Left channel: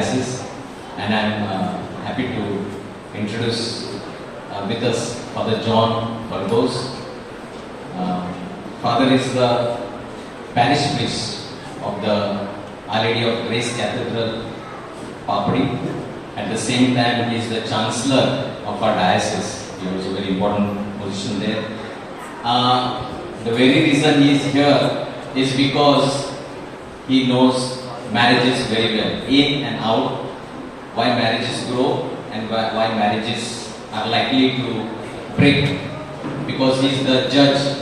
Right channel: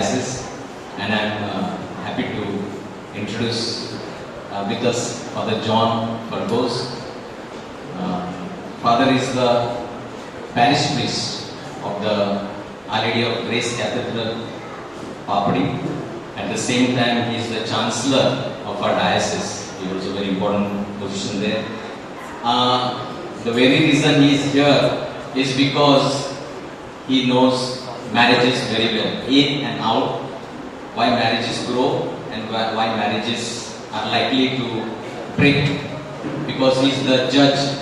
diocese, and I'm happy to introduce with us Father John Burgos. Father is the parish priest of the Our Lady of Grace Cathedral, Papadi. At the same time, he is the Chancellor of our diocese. He is also a very important position there. The very reason he is here is because he knows marriages very well, in and out, why marriages grow and why marriages are likely to break. Because he is the judge,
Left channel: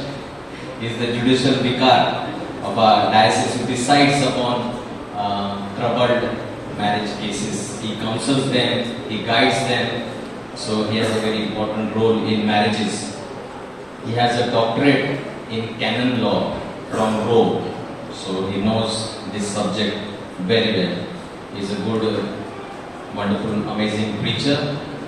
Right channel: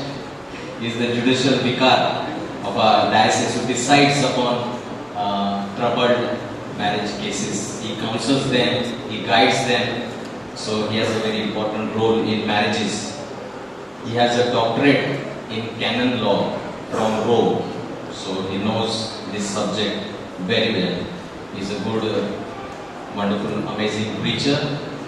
he is the judicial vicar of our diocese who decides upon troubled marriage cases. He counsels them, he guides them, so he has a very important role in marriages. He has a doctorate in canon law from Rome, so he knows this subject very well. He is a good, wonderful, amazing preacher,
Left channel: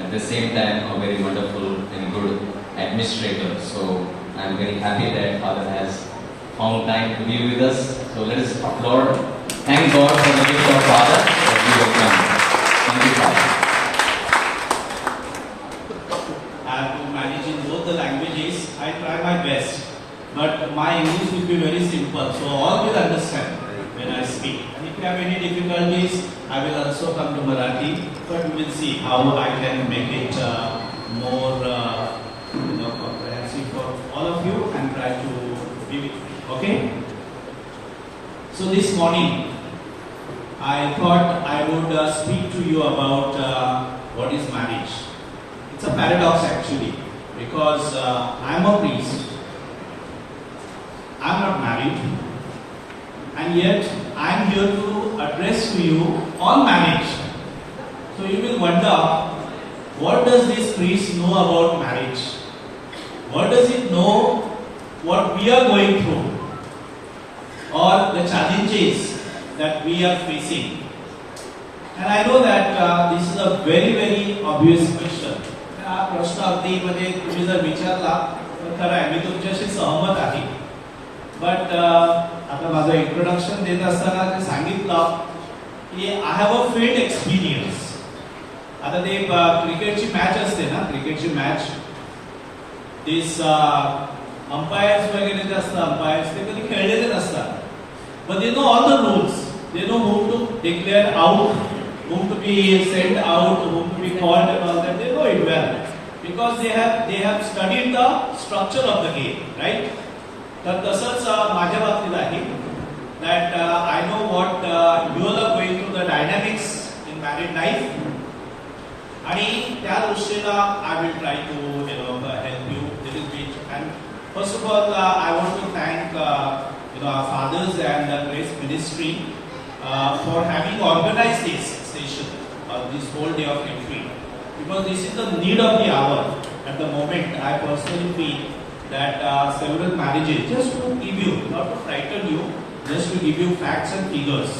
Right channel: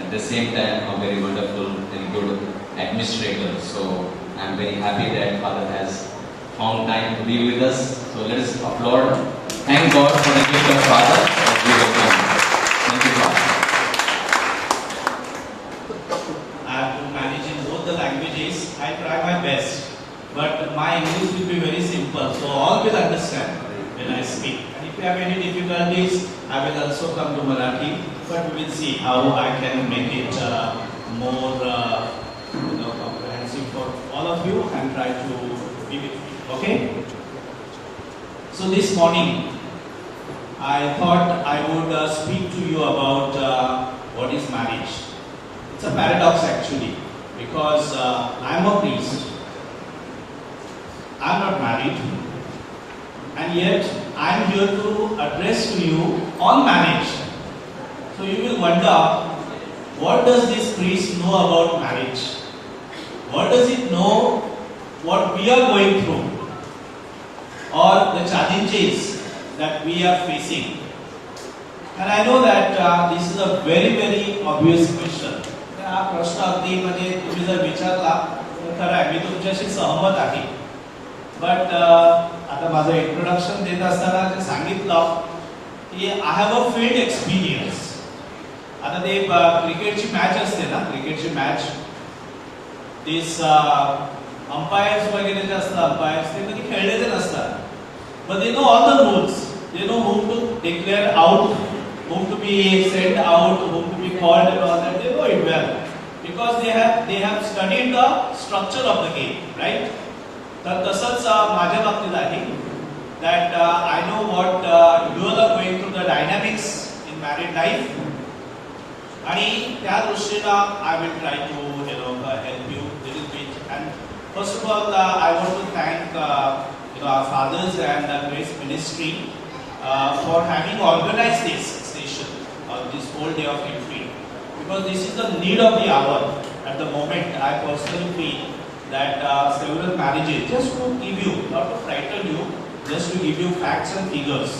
at the same time a very wonderful and good administrator. So I am very happy that Father has found time to be with us. So let us applaud. Thank God for the gift of Father that we have done. Thank you, Father. I have to manage in both the languages. I try my best, but my English will be very simple, so all will understand when I speak. And if you have any difficulties, I will also come to Marathi, but we will see how I can make it more comprehensive for all of you and try to be with you. Okay? So this morning, I thought I would speak to you about what is marriage. It's a paradox actually, because I am a priest, I am not married, and yet I am here to address to you on marriage. So you will wonder, what does this priest know about marriage? What does it know what we are going through, or the challenges that we are facing? And I know that this is a very, very obvious question. हा प्रश्न अगदी म्हणजे तुम्ही जर विचारला तर खरं आहे, मी तुमच्याशी सहमत आहे. बट आता माझं इंट्रोडक्शन देत असताना जे सांगितलं की I have a field experience. आता ते क्रिकेटची मॅच असते ना, क्रिकेटची मॅच, दिस अंपायर्स वगैरे जे असतात, अंपायर्स ते कधी खेळलेले नसतात, but they know all the rules. They know whom to declare out, whom to be sent out, whom to be called, and all that. They know it well because they have studied the structure of the game, right? तर तसंच माझ्या बाबतीत आहे, that I know what you all are going through the dynamics in married life, आणि त्या दृष्टीला I will try to help you a little bit. And first of all, I want to thank our fathers and the Grace Ministry for having organized this session, this whole day of entry, because this is the need of the hour at the moment. I personally feel that several marriages, just to give you, not to frighten you, just to give you facts and figures.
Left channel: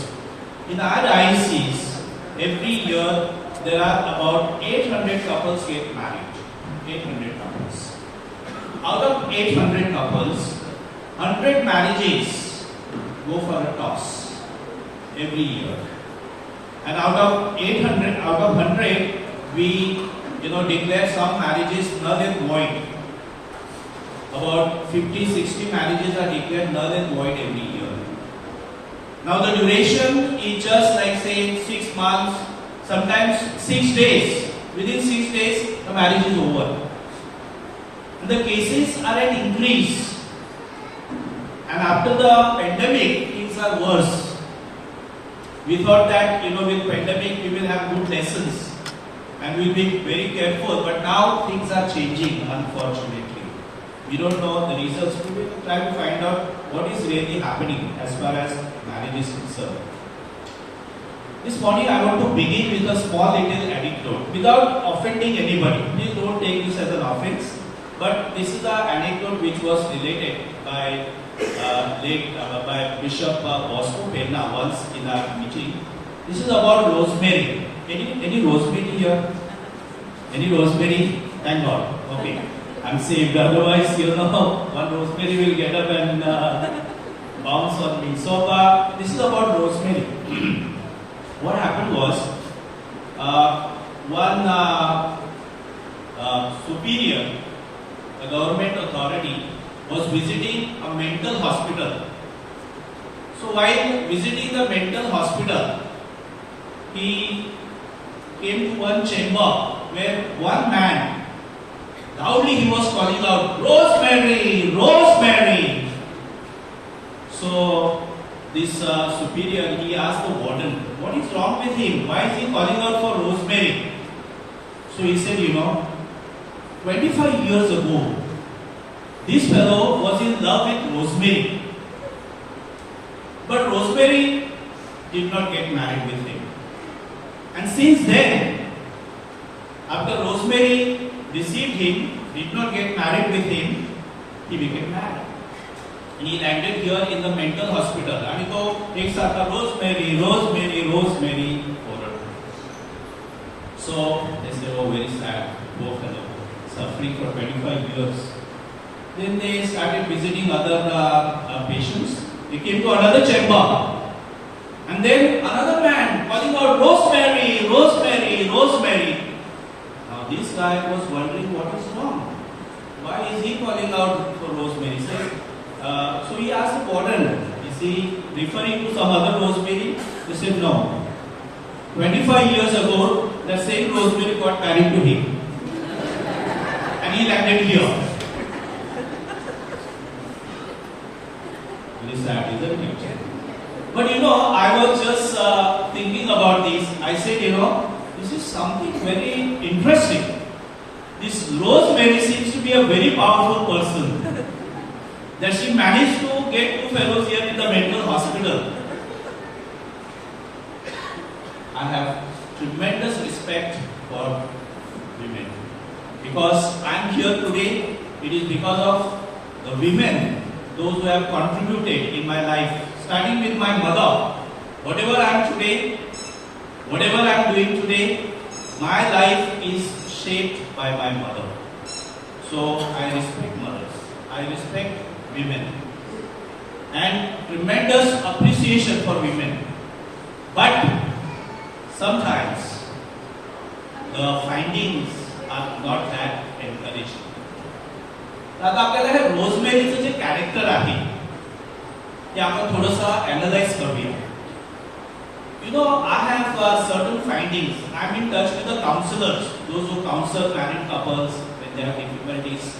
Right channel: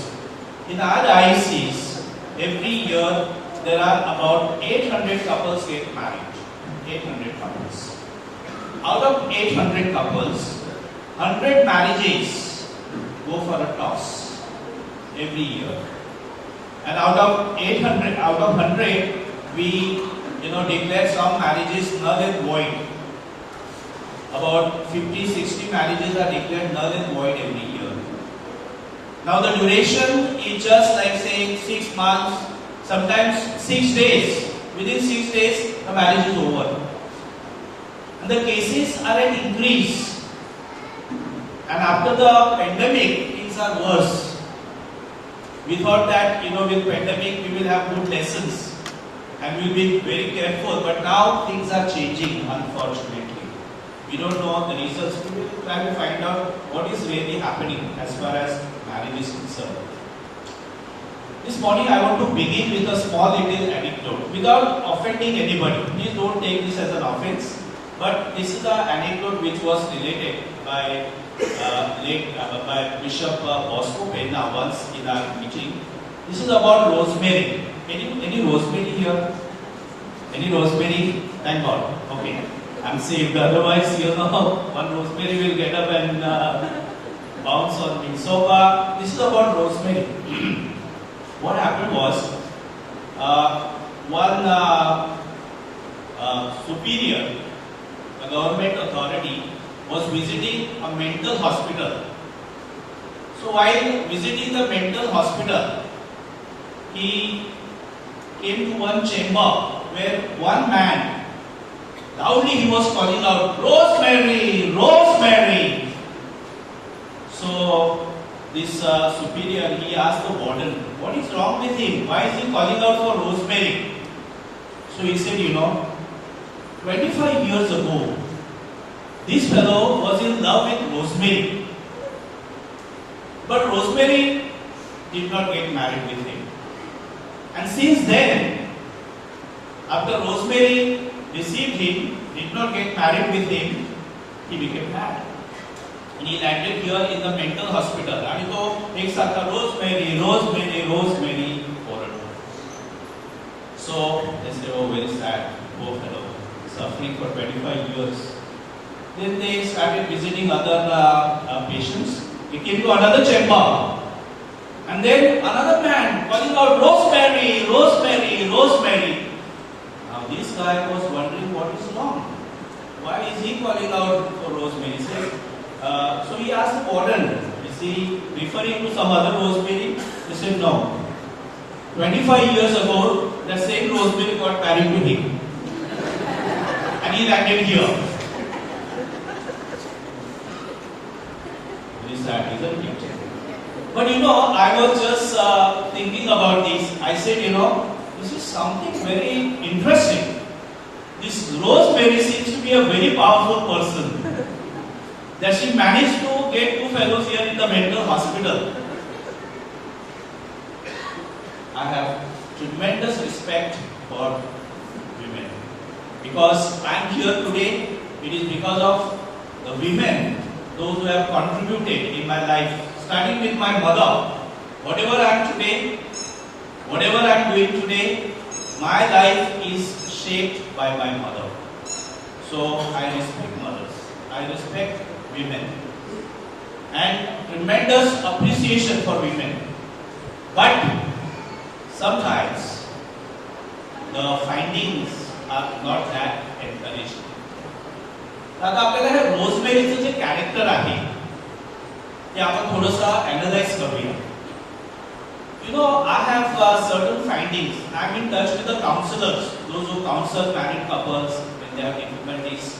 In our diocese, every year there are about 800 couples get married. 800 couples. Out of 800 couples, 100 marriages go for a toss every year. And out of 800, out of 100, we declare some marriages null and void. About 50-60 marriages are declared null and void every year. Now the duration is just like say 6 months, sometimes 6 days. Within 6 days, the marriage is over. And the cases are at increase. And after the pandemic, things are worse. We thought that with pandemic we will have good lessons and we will be very careful. But now things are changing, unfortunately. We don't know the reasons. We will try to find out what is really happening as far as marriage is concerned. This morning I want to begin with a small little anecdote without offending anybody. Please don't take this as an offense. But this is an anecdote which was related by Bishop Bosco Penna once in our meeting. This is about rosemary. Any rosemary here? Any rosemary? Thank God. Okay, I'm saved. Otherwise, one rosemary will get up and bounce on me. So this is about rosemary. What happened was, one superior, a government authority, was visiting a mental hospital. So while visiting the mental hospital, he came to one chamber where one man, loudly he was calling out, "Rosemary, Rosemary." So this superior, he asked the warden, what is wrong with him? Why is he calling out for Rosemary? So he said, 25 years ago, this fellow was in love with Rosemary. But Rosemary did not get married with him. And since then, after Rosemary deceived him, did not get married with him, he became mad. And he landed here in the mental hospital. And he एक साथ Rosemary, Rosemary, Rosemary ordered. So yes, they were very sad, poor fellow, suffering for 25 years. Then they started visiting other patients. They came to another chamber. And then another man calling out, "Rosemary, Rosemary, Rosemary." Now this guy was wondering what is wrong. Why is he calling out for Rosemary? So he asked the warden, is he referring to some other Rosemary? He said no. 25 years ago, the same Rosemary got married to him. And he landed here. Very sad, isn't it? But I was just thinking about this. I said, this is something very interesting. This Rosemary seems to be a very powerful person. That she managed to get 2 fellows here in the mental hospital. I have tremendous respect for women. Because I am here today, it is because of the women, those who have contributed in my life. Starting with my mother, whatever I am today, whatever I am doing today, my life is shaped by my mother. So I respect mothers, I respect women, and tremendous appreciation for women. But sometimes the findings are not that encouraging. आता आपल्याला हे रोजमेरीचं जे character आहे ते आपण थोडंसं analyse करूया. I have certain findings. I'm in touch with the counselors, those who counsel married couples when they have difficulties.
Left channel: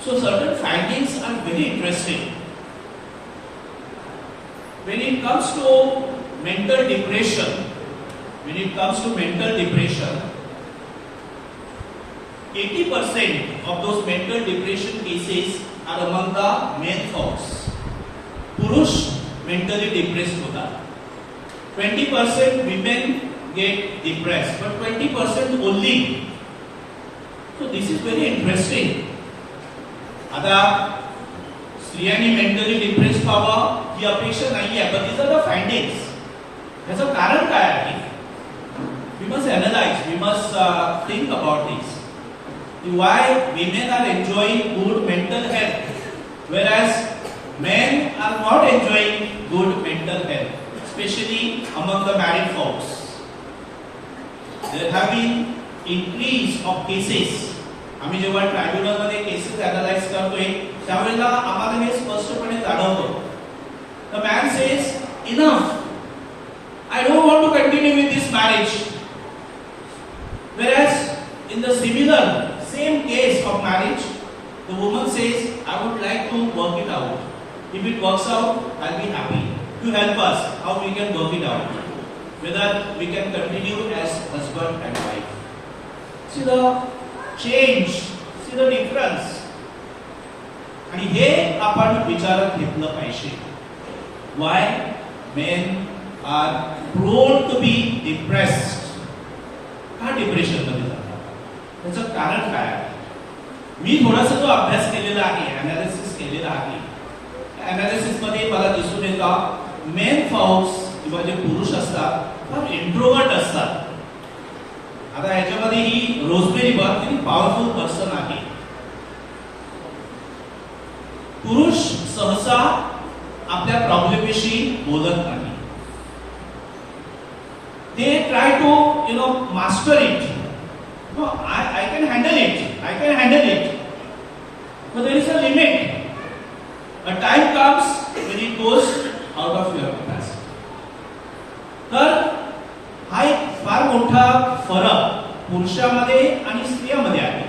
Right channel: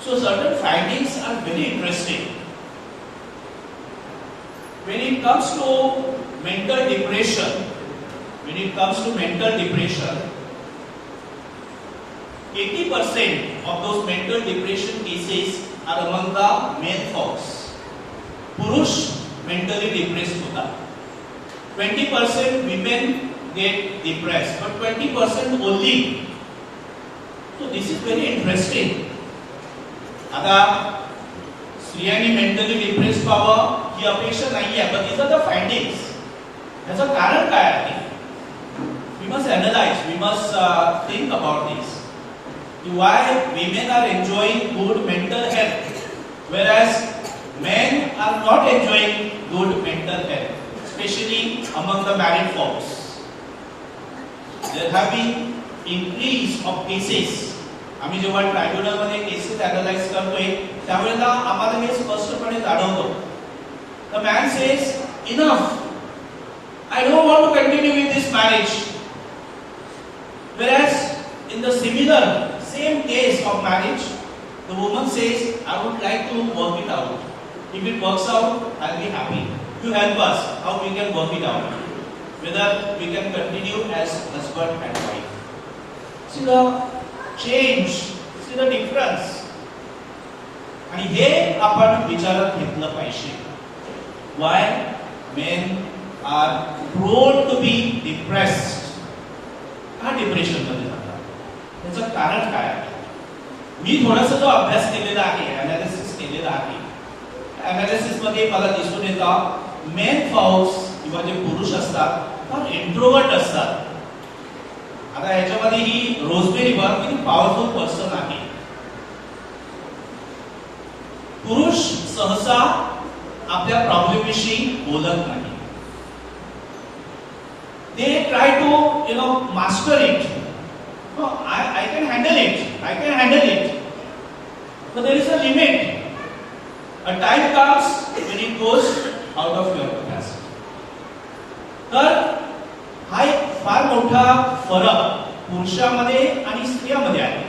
So certain findings are very interesting. When it comes to mental depression, 80% of those mental depression cases are among the male folks. पुरुष mentally depressed होतात. 20% women get depressed, but 20% only. So this is very interesting. आता स्त्रियांनी mentally depress व्हावं ही अपेक्षा नाहीये, but these are the findings. याचं कारण काय आहे? We must analyze, we must think about this. Why women are enjoying good mental health, whereas men are not enjoying good mental health, especially among the married folks. There have been increase of cases. आम्ही जेव्हा tribunal मध्ये cases analyse करतोय त्यावेळेला आम्हाला हे स्पष्टपणे जाणवतं. The man says, enough, I don't want to continue with this marriage. Whereas in the similar same case of marriage, the woman says, I would like to work it out. If it works out, I'll be happy. You help us how we can work it out, whether we can continue as husband and wife. See the change, see the difference. आणि हे आपण विचारात घेतलं पाहिजे. Why men are prone to be depressed? का depression मध्ये जातात? त्याचं कारण काय आहे? मी थोडासा जो अभ्यास केलेला आहे, अनालिसिस केलेला आहे, अनालिसिस मध्ये मला दिसून येतं मेन फॉक्स किंवा जे पुरुष असतात फार इंट्रोवर्ट असतात. आता ह्याच्यामध्ये ही रोजमेरी व्हेरी पॉवरफुल पर्सन आहे. पुरुष सहसा आपल्या प्रॉब्लेमविषयी बोलत नाही. they try to, master it. No, I can handle it. I can handle it. But there is a limit. A time comes when it goes out of your capacity. तर हा एक फार मोठा फरक पुरुषामध्ये आणि स्त्रियामध्ये आहे.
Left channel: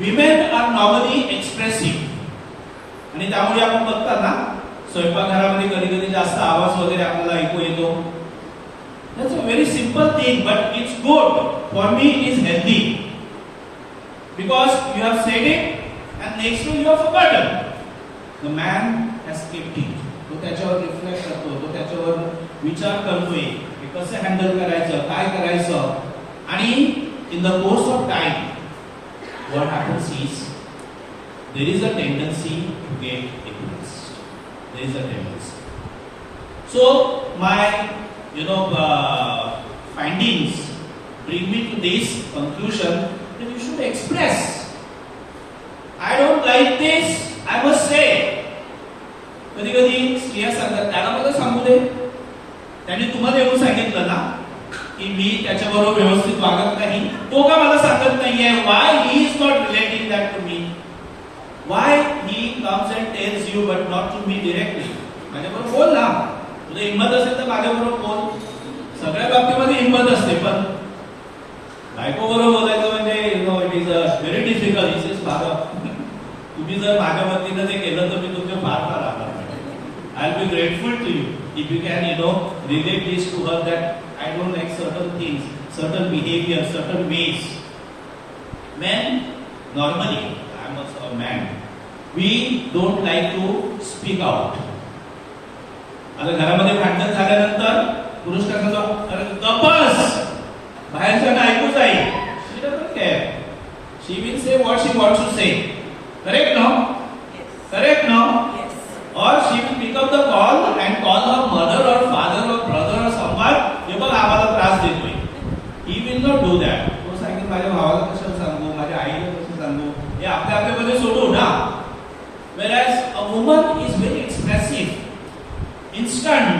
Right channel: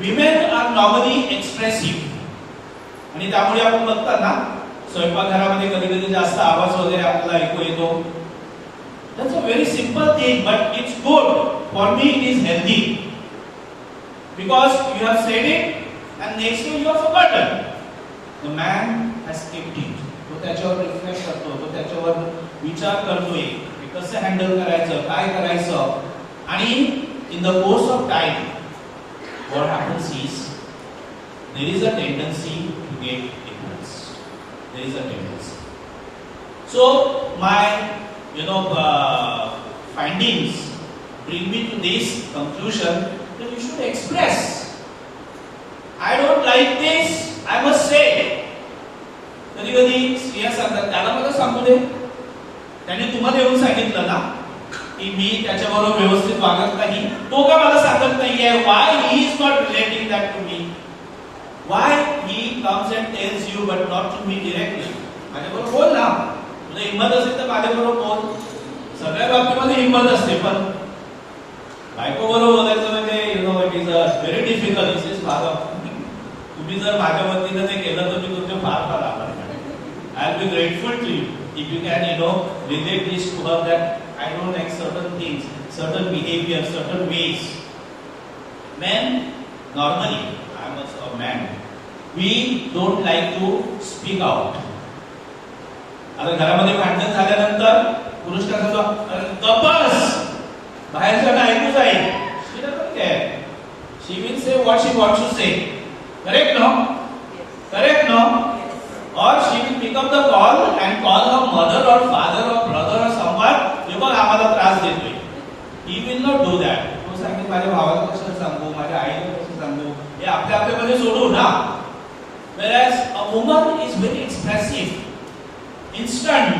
विमेन आर नॉर्मली एक्सप्रेसिव्ह आणि त्यामुळे आपण बघतात ना स्वयंपाकघरामध्ये कधी कधी जास्त आवाज वगैरे आपल्याला ऐकू येतो. That's a very simple thing, but it's good. For me, it is healthy. Because you have said it, and next day you have forgotten. The man has kept it. तो त्याच्यावर रिफ्लेक्ट करतो, तो त्याच्यावर विचार करतोय, हे कसं हँडल करायचं, काय करायचं. आणि in the course of time, what happens is, there is a tendency to get depressed. There is a tendency. So, my findings bring me to this conclusion that you should express. I don't like this, I must say. कधी कधी स्त्रिया सांगतात, त्याला मला सांगू दे, त्याने तुम्हाला येऊन सांगितलं ना की मी त्याच्याबरोबर व्यवस्थित वागत नाही, तो का मला सांगत नाहीये. Why he is not relating that to me? Why he comes and tells you but not to me directly? माझ्याबरोबर बोल ना, तुला हिंमत असेल तर माझ्याबरोबर बोल. सगळ्या बाबतीमध्ये हिंमत असते, पण बायको बरोबर बोलायचं म्हणजे it is a very difficult. It is far. तुम्ही जर माझ्या वतीनं ते केलं तर मी तुमचे फार फार आभार मानेन. I will be grateful to you if you can relate this to her that I don't like certain things, certain behaviour, certain ways. Men normally, I am also a man, we don't like to speak out. आता घरामध्ये भांडण झाल्यानंतर पुरुष काय सांगतो, अरे गप्पस, बाहेरच्या ऐकू जाईल. She doesn't care. She will say what she wants to say. Correct, no? Correct, no? Or she will pick up the call and call her mother or father or brother or someone. हे बघ आम्हाला त्रास देतोय. He will not do that. तो सांगेल माझ्या भावाला कसं सांगू, माझ्या आईला कसं सांगू, हे आपल्यामध्ये सोडू ना. Whereas a woman is very expressive, instant,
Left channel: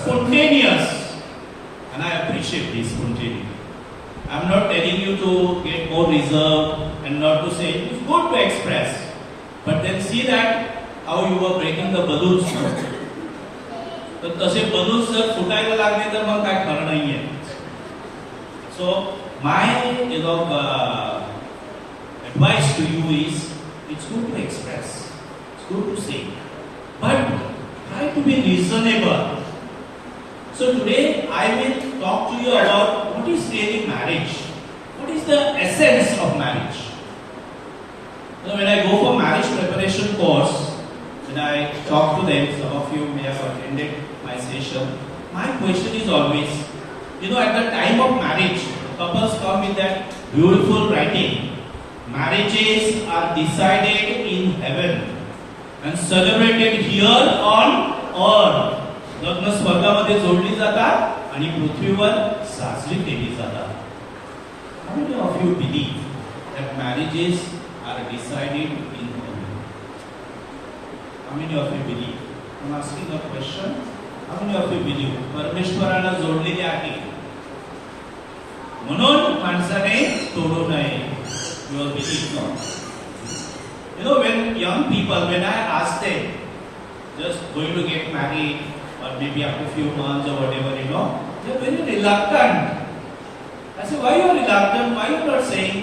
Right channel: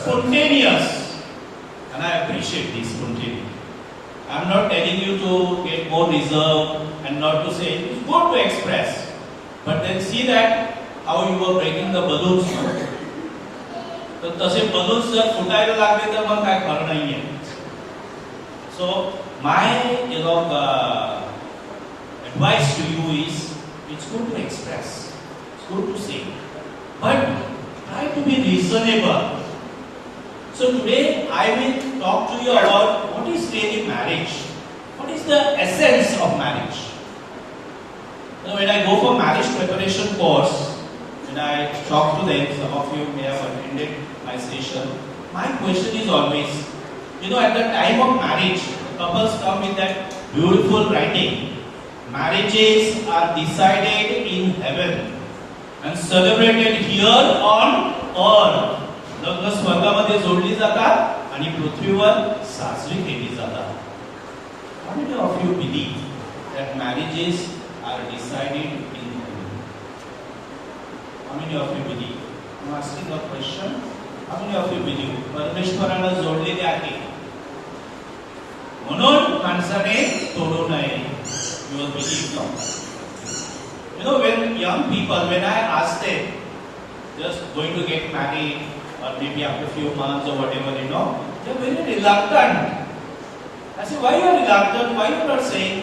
spontaneous, and I appreciate this spontaneity. I am not telling you to get more reserved and not to say it's good to express, but then see that how you were breaking the balloons. तर तसे balloons जर फुटायला लागले तर मग काय खरं नाहीये. So my advice to you is, it's good to express, it's good to say, but try to be reasonable. So today I will talk to you about what is really marriage. What is the essence of marriage? So when I go for marriage preparation course, when I talk to them, some of you may have attended my session, my question is always, at the time of marriage, couples come with that beautiful writing. Marriages are decided in heaven and celebrated here on earth. लग्न स्वर्गामध्ये जोडली जातात आणि पृथ्वीवर साजरी केली जातात. How many of you believe that marriages are decided in heaven? How many of you believe? I'm asking a question. How many of you believe परमेश्वराला जोडलेले आहे म्हणून माणसाने तोडू नये? You will believe God. When young people, when I ask them, just going to get married, or maybe after a few months or whatever, they're very reluctant. I say, why you are reluctant? Why you are not saying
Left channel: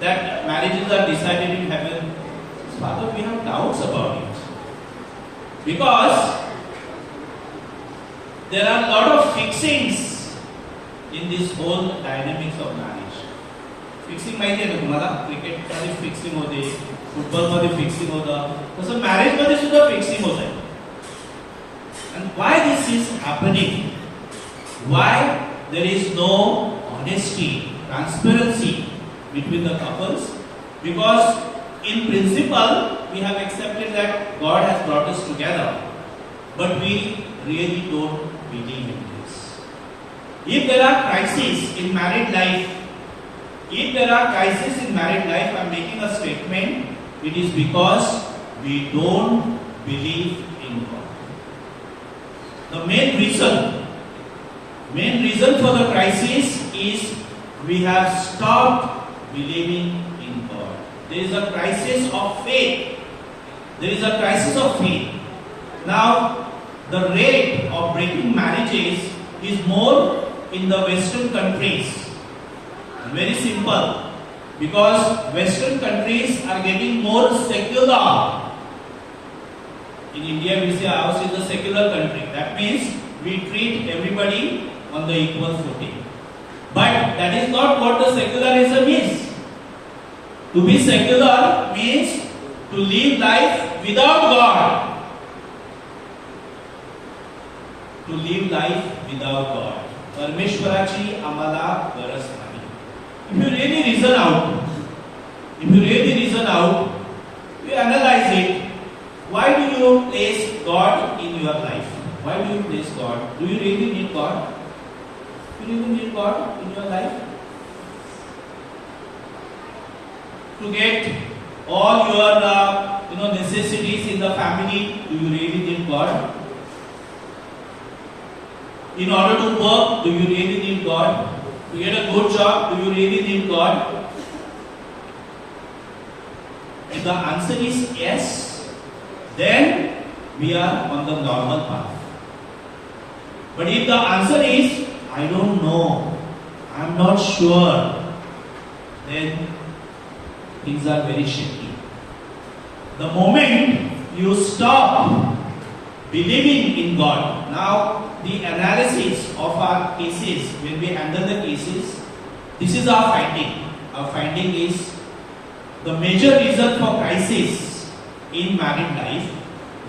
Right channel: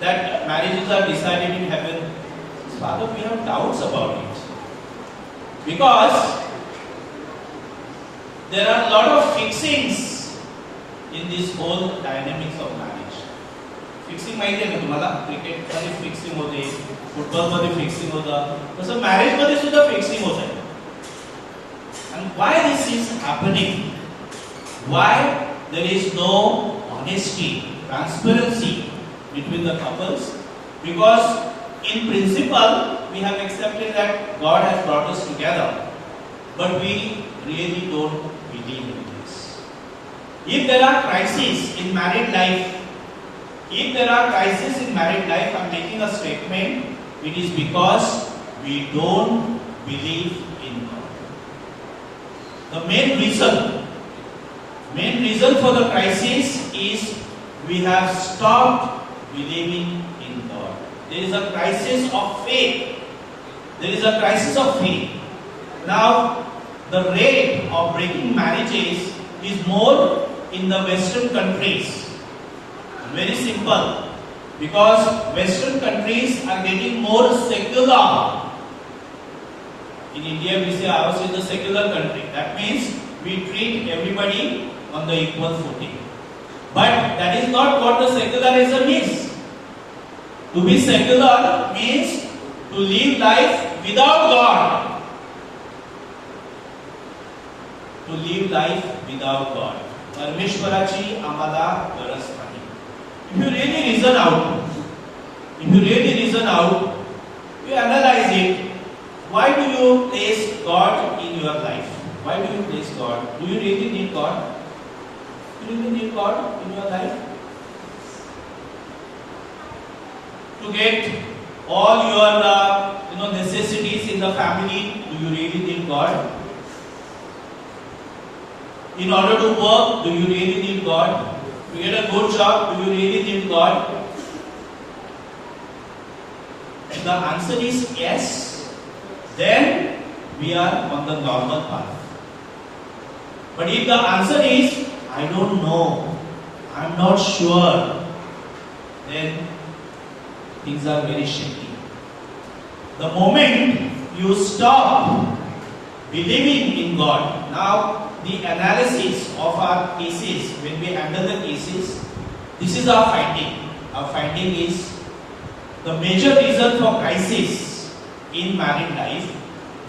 that marriages are decided in heaven? Father, we have doubts about it. Because there are a lot of fixings in this whole dynamics of marriage. Fixing माहिती आहे ना तुम्हाला? Cricket मध्ये fixing होते, football मध्ये fixing होतं, तसं marriage मध्ये सुद्धा फिक्सिंग होत आहे. And why this is happening? Why there is no honesty, transparency between the couples? Because in principle we have accepted that God has brought us together, but we really don't believe in this. If there are crises in married life, I'm making a statement, it is because we don't believe in God. The main reason Main reason for the crisis is we have stopped believing in God. There is a crisis of faith. There is a crisis of faith. Now, the rate of breaking marriages is more in the Western countries. Very simple. Because Western countries are getting more secular. In India, we say ours is a secular country. That means we treat everybody on the equal footing. But that is not what the secularism is. To be secular means to live life without God. To live life without God. परमेश्वराची आम्हाला गरज नाही. If you really reason out, you analyze it. Why do you place God in your life? Why do you place God? Do you really need God? Do you really need God in your life? To get all your necessities in the family, do you really need God? In order to work, do you really need God? To get a good job, do you really need God? If the answer is yes, then we are on the normal path. But if the answer is, I don't know, I'm not sure, then things are very shaky. The moment you stop believing in God, now the analysis of our cases, when we handle the cases, this is our finding. Our finding is the major reason for crisis in married life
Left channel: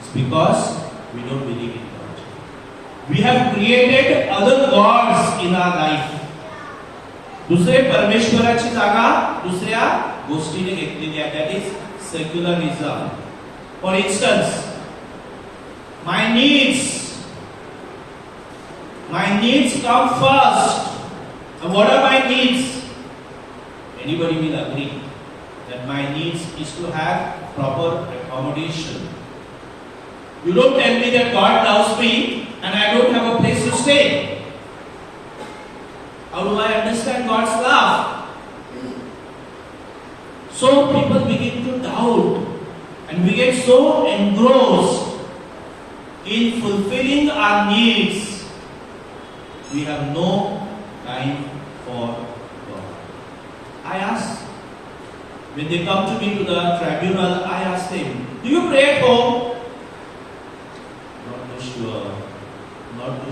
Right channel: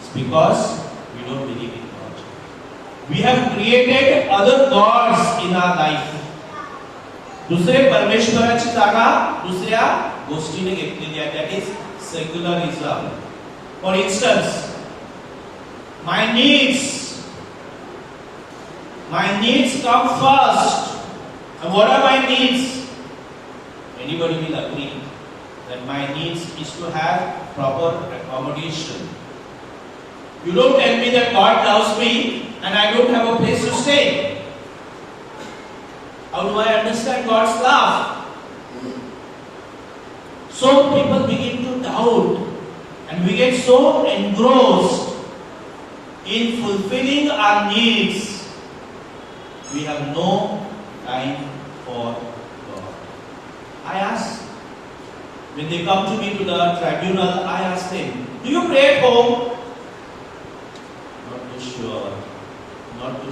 is because we don't believe in God. We have created other gods in our life. दुसरे परमेश्वराची जागा दुसऱ्या गोष्टीने घेतलेली आहे. That is secularism. For instance, my needs come first. And what are my needs? Anybody will agree that my needs is to have proper accommodation. You don't tell me that God loves me and I don't have a place to stay. How do I understand God's love? So people begin to doubt and we get so engrossed in fulfilling our needs, we have no time for God. I ask, when they come to me to the tribunal, I ask them, do you pray at home? Not too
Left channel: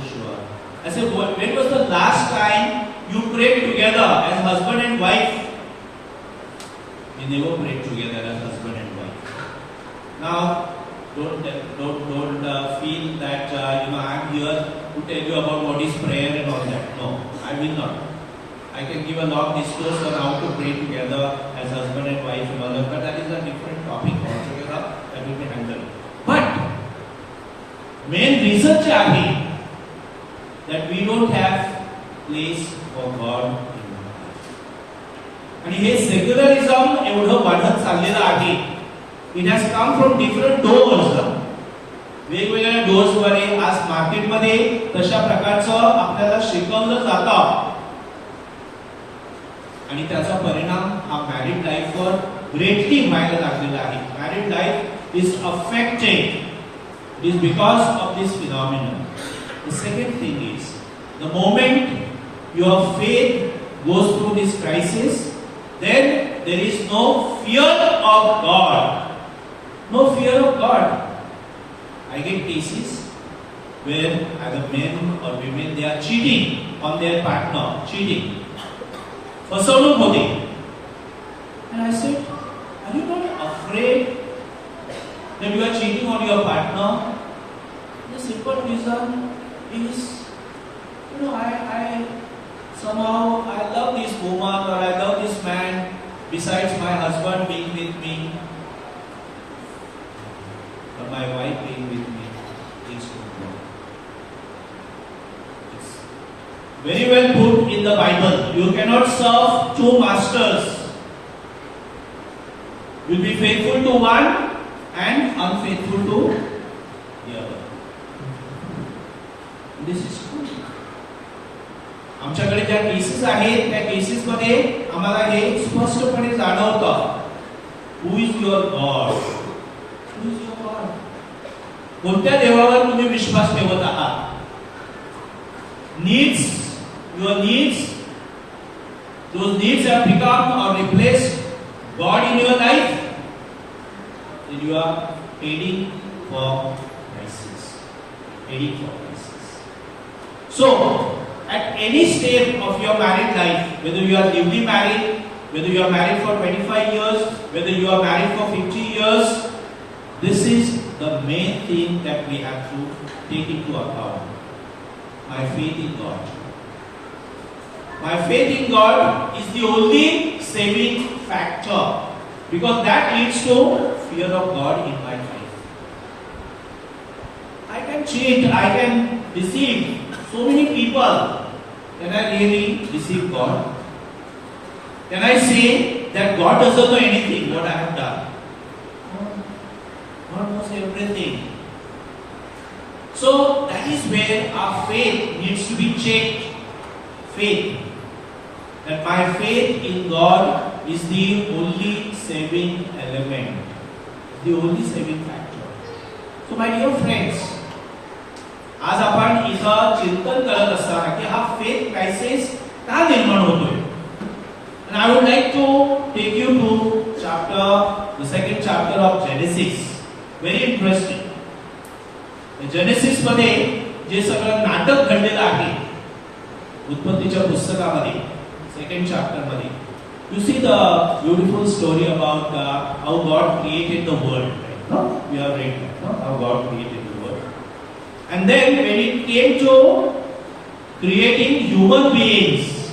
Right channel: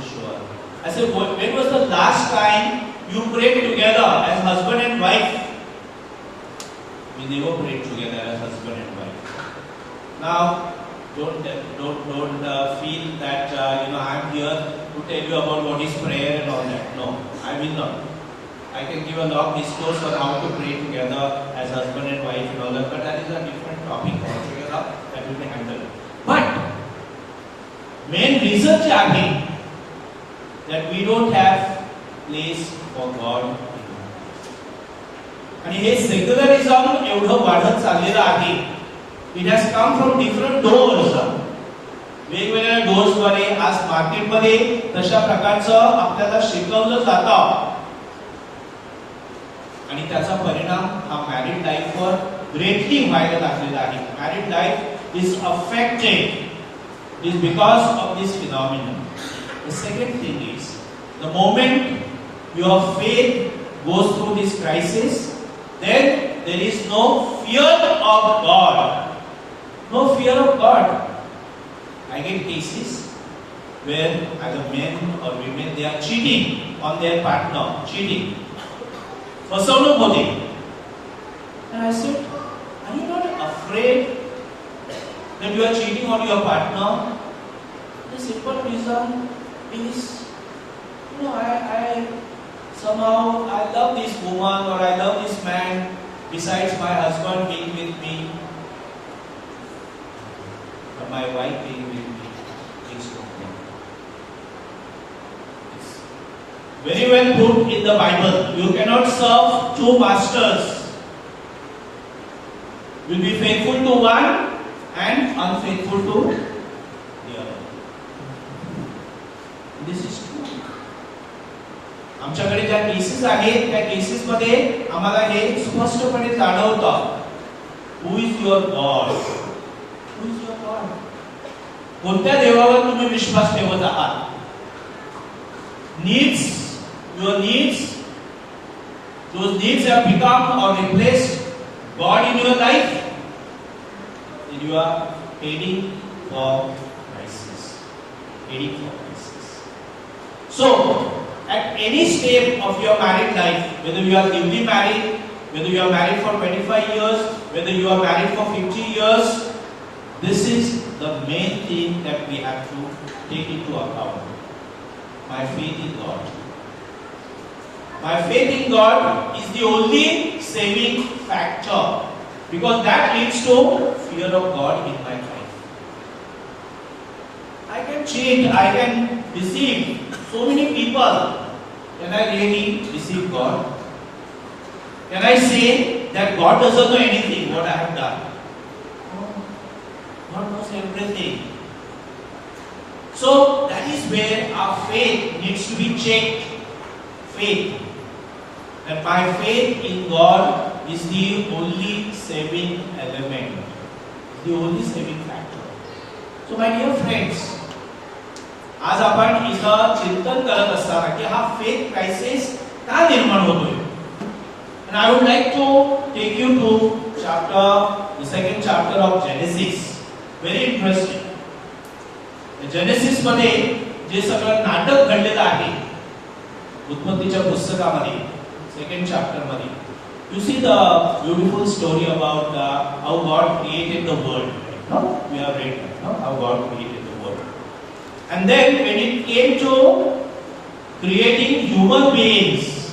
sure. I said, when was the last time you prayed together as husband and wife? We never prayed together as husband and wife. Now, don't feel that I'm here to tell you about what is prayer and all that. No, I will not. I can give a long discourse on how to pray together as husband and wife and all that, but that is a different topic altogether that will be handled. But main reason आहे that we don't have place for God in our life. आणि हे secularism एवढं वाढत चाललेलं आहे. It has come from different doors. वेगवेगळ्या डोर्सद्वारे आज मार्केटमध्ये तशा प्रकारचं आपल्याला शिकवलं जातं आणि त्याचा परिणाम हा मॅरिड लाईफवर ग्रेटली व्हायला लागलेला आहे. Married life is affected. It is because of this phenomenon. The second thing is, the moment your faith goes through this crisis, then there is no fear of God. No fear of God. I get cases where either men or women, they are cheating on their partner. Cheating. फसवणूक होते. And I said, are you not afraid that you are cheating on your partner? The simple reason is, I somehow I love this woman or I love this man besides my husband being with me or my wife being with me. It's very well put in the Bible. You cannot serve two masters. You will be faithful to one and unfaithful to the other. This is true. आमच्याकडे ज्या cases आहेत त्या cases मध्ये आम्हाला हे स्पष्टपणे जाणवतं. Who is your God? Who is your God? कोणत्या देवावर तुम्ही विश्वास ठेवत आहात? Needs, your needs, those needs have become or replaced God in your life, then you are heading for crisis. Heading for crisis. So, at any step of your married life, whether you are newly married, whether you are married for 25 years, whether you are married for 50 years, this is the main thing that we have to take into account. My faith in God. My faith in God is the only saving factor, because that leads to fear of God in my life. I can cheat, I can deceive so many people. Can I really deceive God? Can I say that God doesn't know anything what I have done? No. God knows everything. So that is where our faith needs to be checked. Faith. That my faith in God is the only saving element, the only saving factor. So my dear friends, आज आपण इथं चिंतन करत असताना की हा faith crisis का निर्माण होतोय. And I would like to take you to the second chapter of Genesis. Very interesting. Genesis मध्ये जे सगळं नाटक घडलेलं आहे उत्पत्तीच्या पुस्तकामध्ये second chapter मध्ये, you see the beautiful story about how God created the world, right? No, we have read that, no? How God created the world. And then when it came to creating human beings,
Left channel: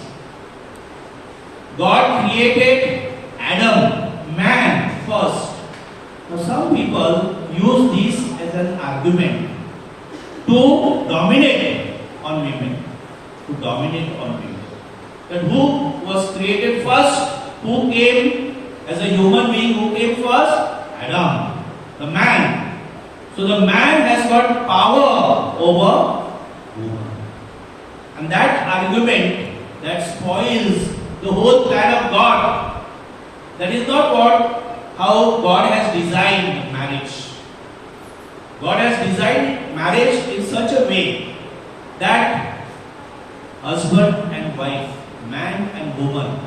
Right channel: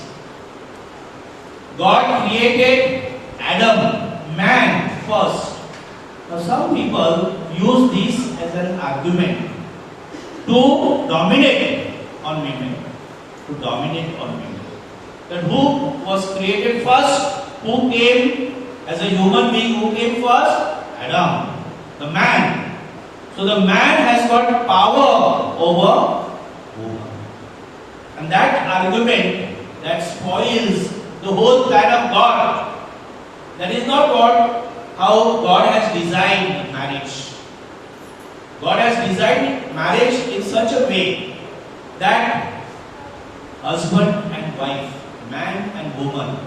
God created Adam, man first. Now some people use this as an argument to dominate on women, that who was created first, who came as a human being, who came first? Adam, the man. So the man has got power over woman. And that argument that spoils the whole plan of God. That is not how God has designed marriage. God has designed marriage in such a way that husband and wife, man and woman,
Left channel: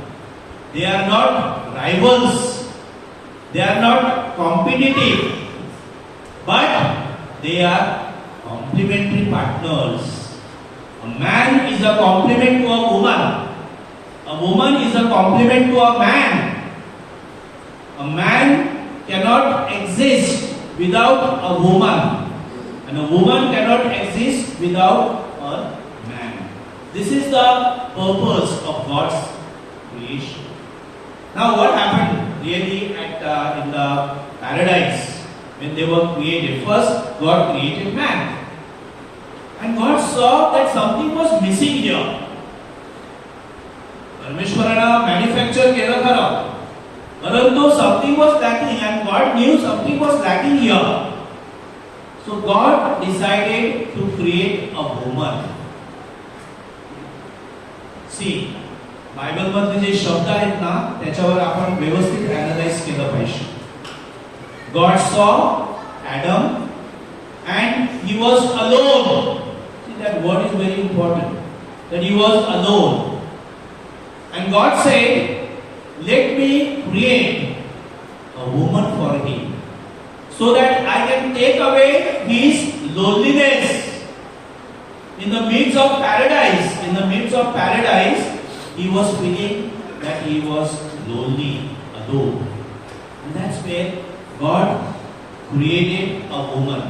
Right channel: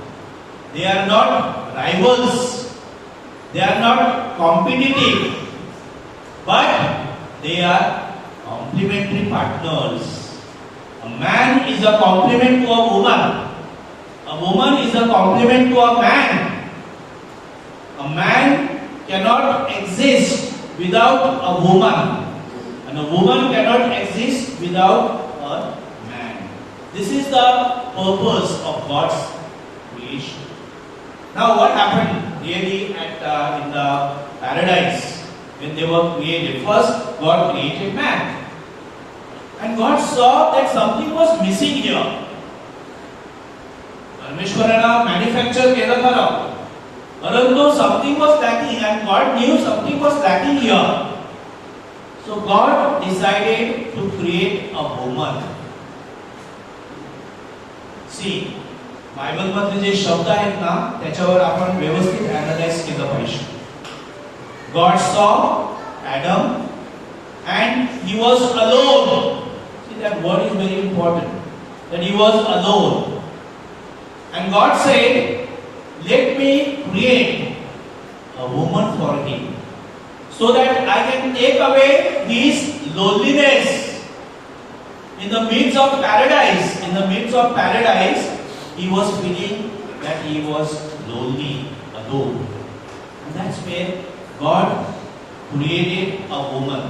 they are not rivals, they are not competitive, but they are complementary partners. A man is a complement to a woman is a complement to a man. A man cannot exist without a woman, and a woman cannot exist without a man. This is the purpose of God's creation. Now, what happened really in the paradise when they were created? First, God created man, and God saw that something was missing here. परमेश्वरानं manufacture केलं खरं, परंतु something was lacking, and God knew something was lacking here. So God decided to create a woman. See, Bible मधले जे शब्द आहेत ना त्याच्यावर आपण व्यवस्थित अॅनालाइज केलं पाहिजे. God saw Adam and he was alone. See, that word is very important, that he was alone. And God said, let me create a woman for him, so that I can take away his loneliness. In the midst of paradise, he was feeling that he was lonely, alone. And that's where God created a woman.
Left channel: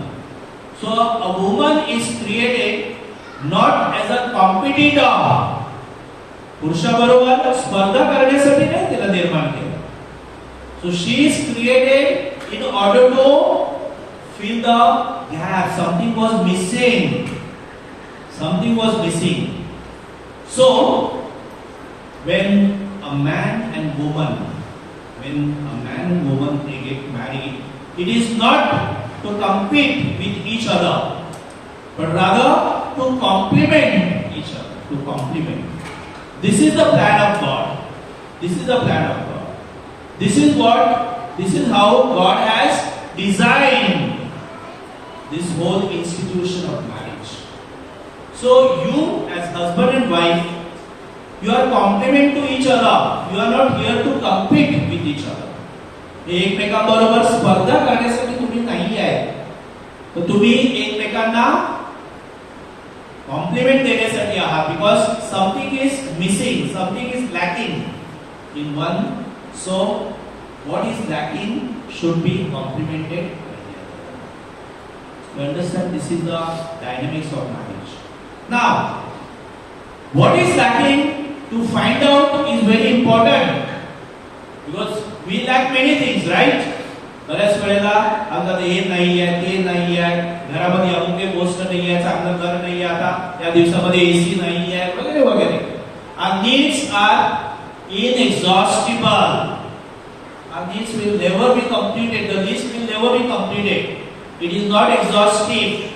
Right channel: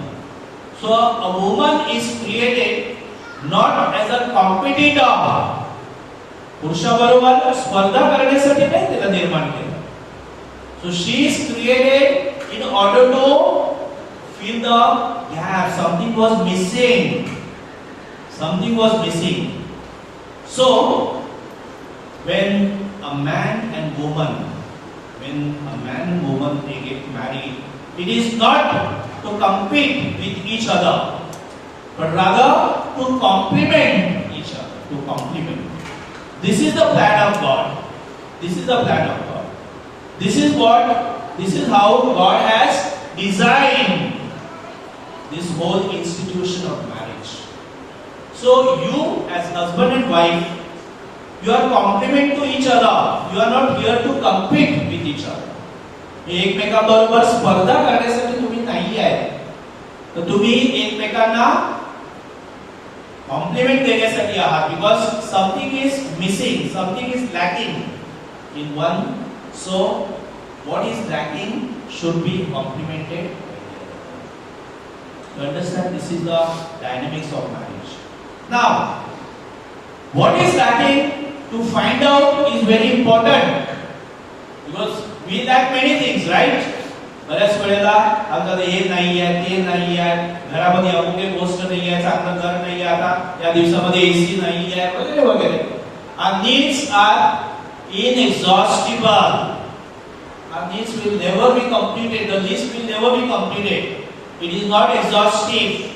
So a woman is created not as a competitor. पुरुषाबरोबर स्पर्धा करण्यासाठी नाही तिला निर्माण केलं. So she is created in order to fill the gap. Something was missing. So when a man and woman they get married, it is not to compete with each other, but rather to complement each other. to compliment. This is the plan of God. This is the plan of God. This is how God has designed this whole institution of marriage. So you as husband and wife, you are complement to each other. You are not here to compete with each other. एकमेकांबरोबर स्पर्धा करण्यासाठी तुम्ही नाही आहे. तर तुम्ही एकमेकांना compliment देण्यासाठी आहात. Because something is missing, something is lacking in one. So what is lacking should be complemented. You understand? This is the dynamics of marriage. Now, what is lacking to find out is very important, because we lack many things, right? बऱ्याच वेळेला आपल्याला हे नाही आहे, ते नाही आहे, घरामध्ये अमुक एक गोष्ट नाही आहे, चांगलं घर नाही आहे, आता या दिवसामध्ये एसी नाही आहे, वगैरे वगैरे. Our needs are inexhaustible. Our needs will never be completed. The list will never be completed. It is not exhaustive.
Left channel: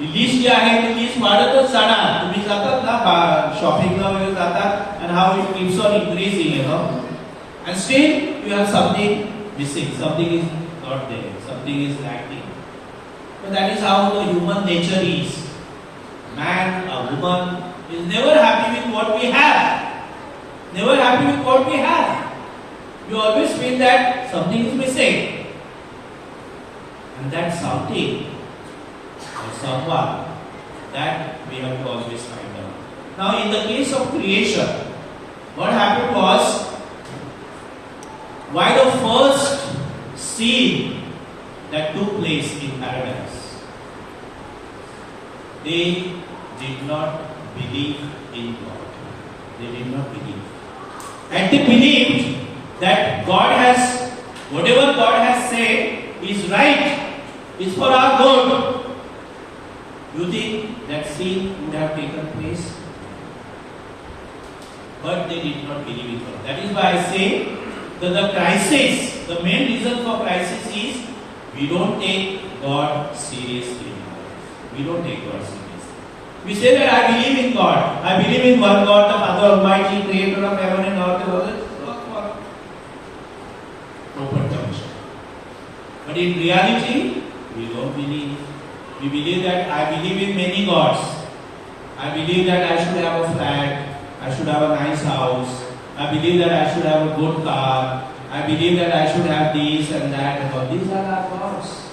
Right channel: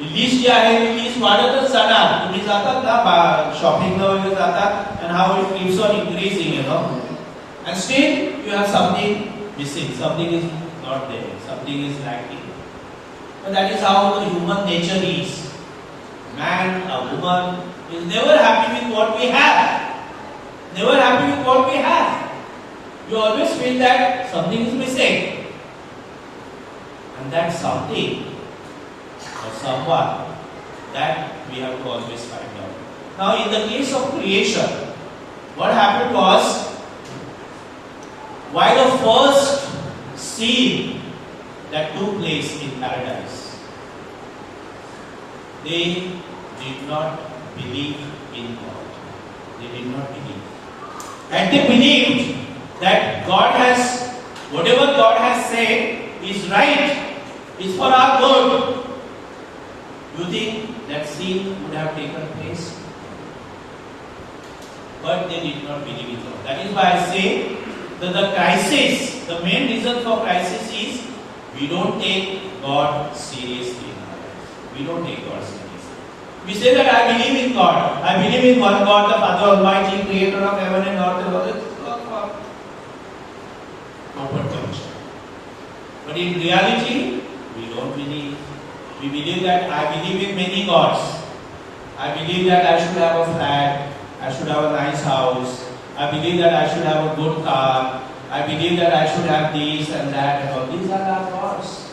ही लिस्ट जी आहे ती लिस्ट वाढतच जाणार. तुम्ही जातात ना शॉपिंगला वगैरे जातात, and how it keeps on increasing, you know. And still you have something missing. Something is not there. Something is lacking. But that is how the human nature is. Man, a woman is never happy with what we have. Never happy with what we have. You always feel that something is missing. And that something or someone, that we have to always find out. Now in the case of creation, what happened was, why the first scene that took place in paradise, they did not believe in God. They did not believe. And they believed that God has, whatever God has said is right, is for our good. You think that scene would have taken place? But they did not believe in God. That is why I say that the crisis, the main reason for crisis is we don't take God seriously in our lives. We don't take God seriously. We say that I believe in God. I believe in one God, the Father Almighty, Creator of heaven and earth. Open connection. But in reality, we don't believe. We believe that I believe in many gods. I believe that I should have a flat. I should have a nice house. I believe that I should have a good car. I believe that I should have this and that and all. These are our gods.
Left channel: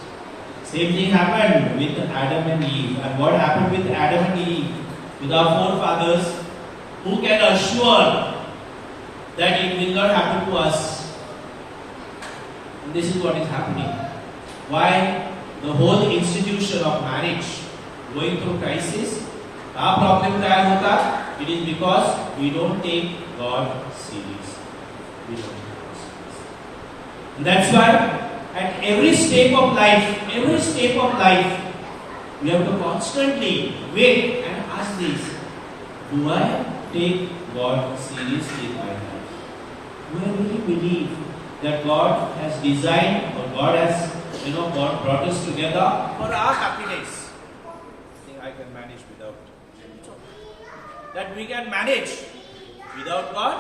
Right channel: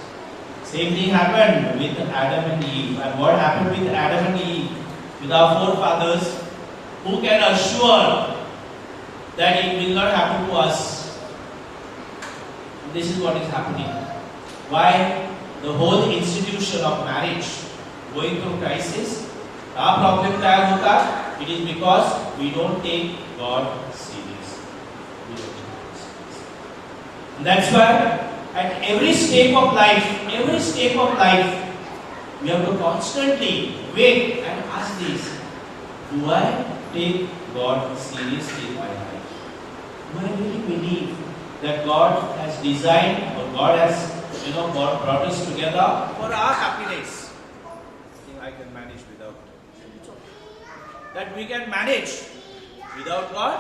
Same thing happened with Adam and Eve. And what happened with Adam and Eve? With our forefathers, who can assure that it will not happen to us? And this is what is happening. Why the whole institution of marriage going through crisis? Our problem tayar hota. It is because we don't take God seriously. We don't take God seriously. And that's why at every step of life, we have to constantly wait and ask this: do I take God seriously in my life? Do I really believe that God has designed, or God has, God brought us together for our happiness? I think I can manage without. That we can manage without God,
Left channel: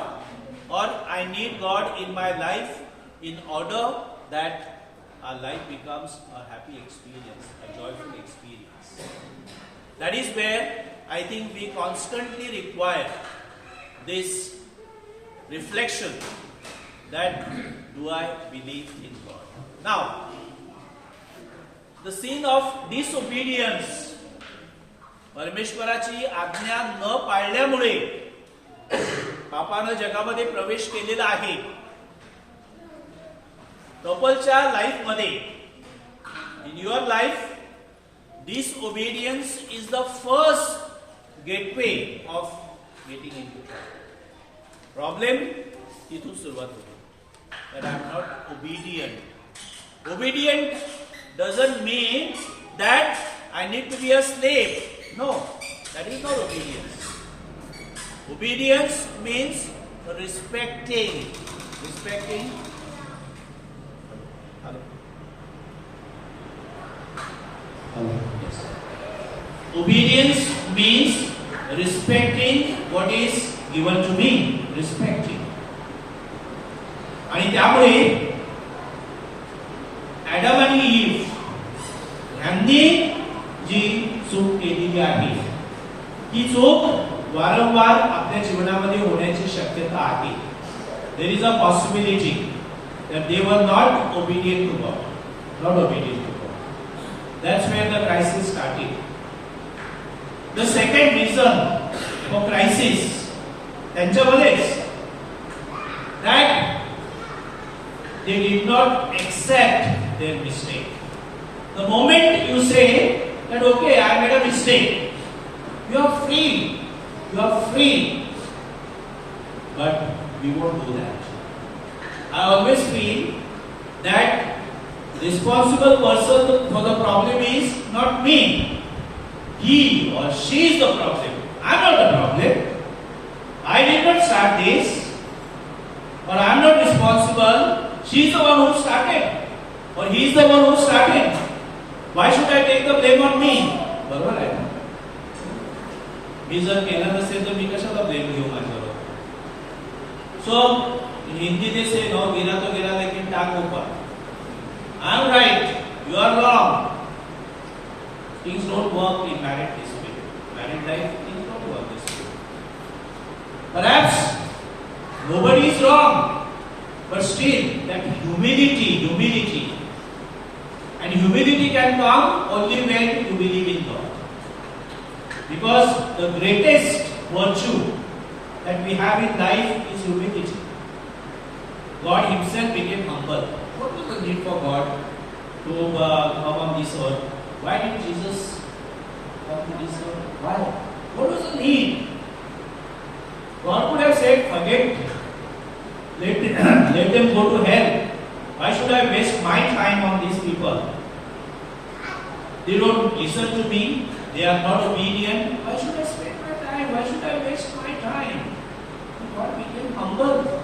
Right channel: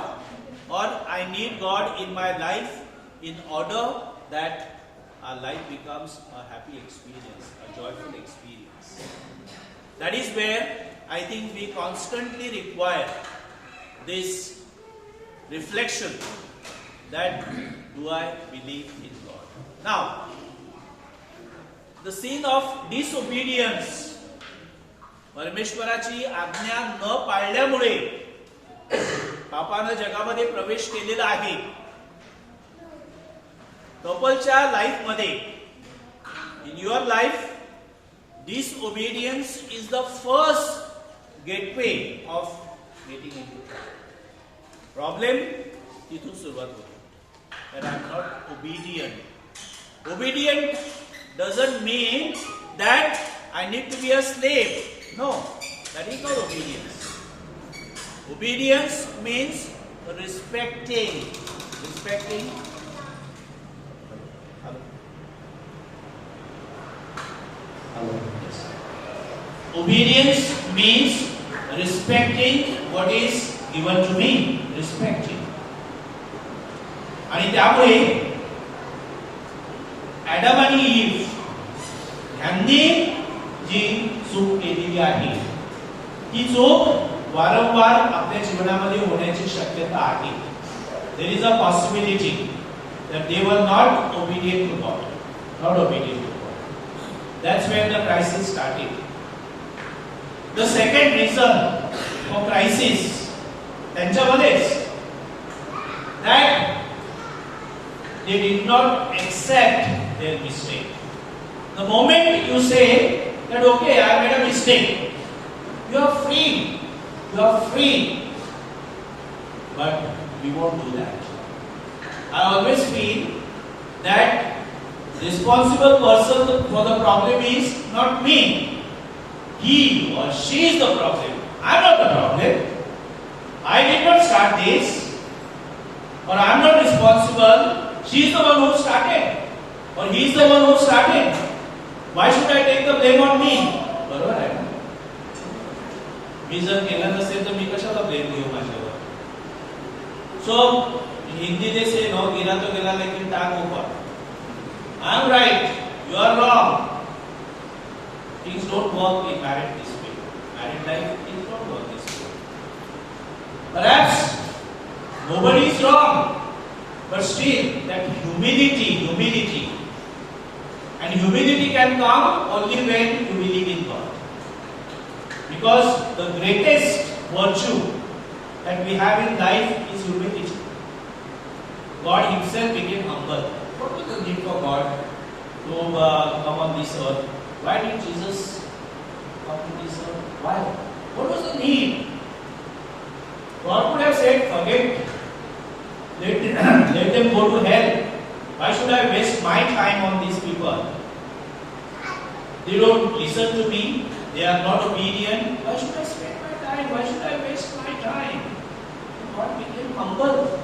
or I need God in my life in order that our life becomes a happy experience, a joyful experience. That is where I think we constantly require this reflection, that do I believe in God? Now, the scene of disobedience, परमेश्वराची आज्ञा न पाळल्यामुळे पापानं जगामध्ये प्रवेश केलेला आहे. कपलच्या life मध्ये, in your life, disobedience is the first gateway of getting into problem. तिथून सुरुवात होते. That I am not obedient. Obedient doesn't mean that I need to be a slave. No, that is not obedience. Obedience means respecting. Hello. Yes. Obedience means respecting what is given to me. Respecting. आणि त्यामुळे Adam आणि eve यांनी जी चूक केलेली आहे ती चूक वारंवार आपल्या जीवनामध्ये होण्याची शक्यता आहे. There is a possibility that they were not obedient to God. Not obedient to God. That's where the crisis started. The second reason for crisis त्यांच्यामध्येच that they did not accept their mistake. The moment you say that okay, I made a mistake, you are free. You are free. But we won't do that. I always feel that responsible person for the problem is not me. He or she is the problem. I am not the problem. I did not start this. Or I am not responsible. She is the one who started. Or he is the one who started. Why should I take the blame on me? बरोबर आहे ना? मी जर केलं नसेल तर मी कशाला blame घेऊ माझ्यावर? So हिंदी में से नो गिरा तो गिरा लेकिन टांग ऊपर. I am right. You are wrong. Things don't work in married this way. Married life, things don't work this way. Perhaps nobody is wrong, but still that humility, and humility can come only when you believe in God. Because the greatest virtue that we have in life is humility. God Himself became humble. What was the need for God to come on this earth? Why did Jesus come to this earth? Why? What was the need? God could have said, forget, let them go to hell. Why should I waste my time on these people? They don't listen to me. They are not obedient. Why should I spend my time? Why should I waste my time? God became humble.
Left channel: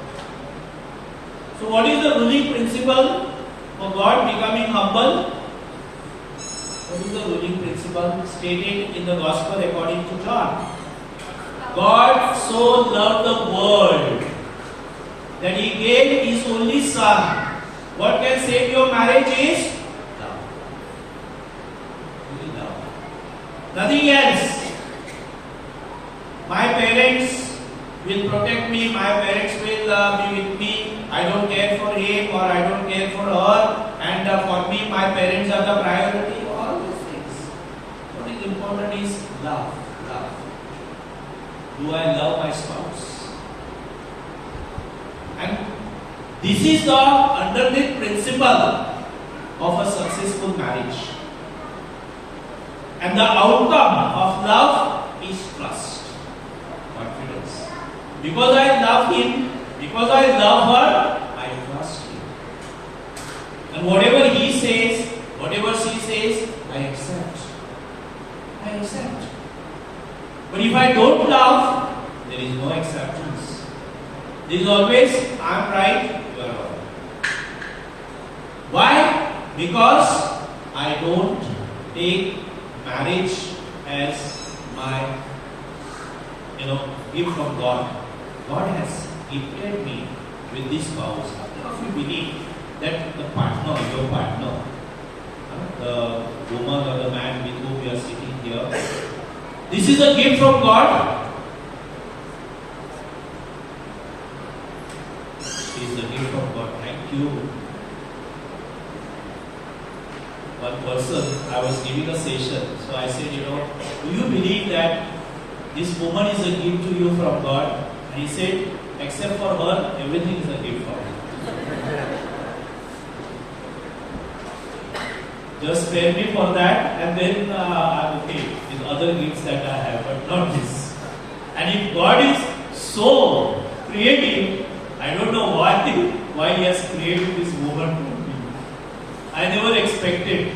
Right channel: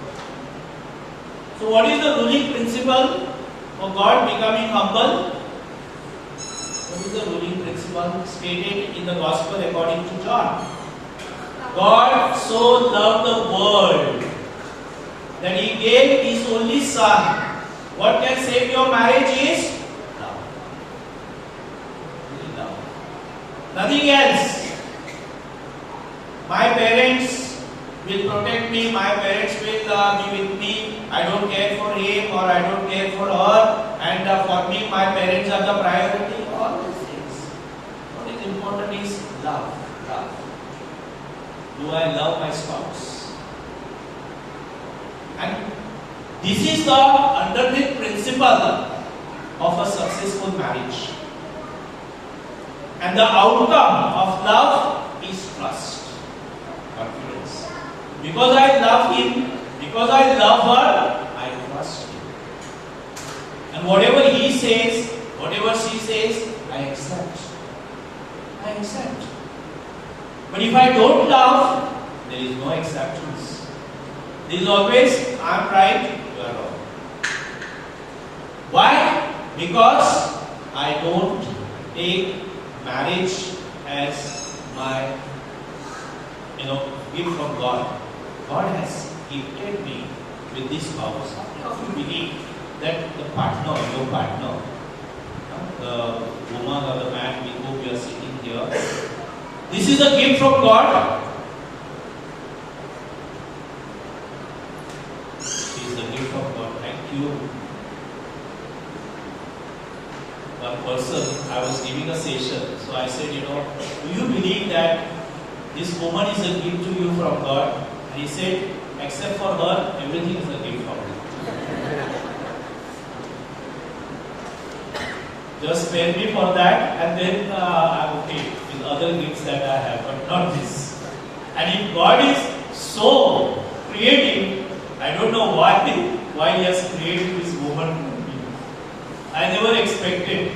So what is the ruling principle for God becoming humble? What is the ruling principle stated in the Gospel according to John? God so loved the world that He gave His only Son. What can save your marriage is love. Only love. Nothing else. My parents will protect me. My parents will be with me. I don't care for him or I don't care for her. And for me, my parents are the priority. All these things. What is important is love. Love. Do I love my spouse? And this is the underneath principle of a successful marriage. And the outcome of love is trust, confidence. Because I love him, because I love her, I trust him. And whatever he says, whatever she says, I accept. I accept. But if I don't love, there is no acceptance. There is always, I am right, you are wrong. Why? Because I don't take marriage as my, gift from God. God has gifted me with this spouse. How many of you believe that the partner, your partner, the woman or the man with whom you are sitting here, this is a gift from God? It is the gift from God. Thank you. One person, I was giving a session, so I said, do you believe that this woman is a gift to you from God? And he said, except for her, everything is a gift from me. Just spare me for that, and then I'm okay with other gifts that I have, but not this. And if God is so creative, I don't know why He has created this woman for me. I never expected.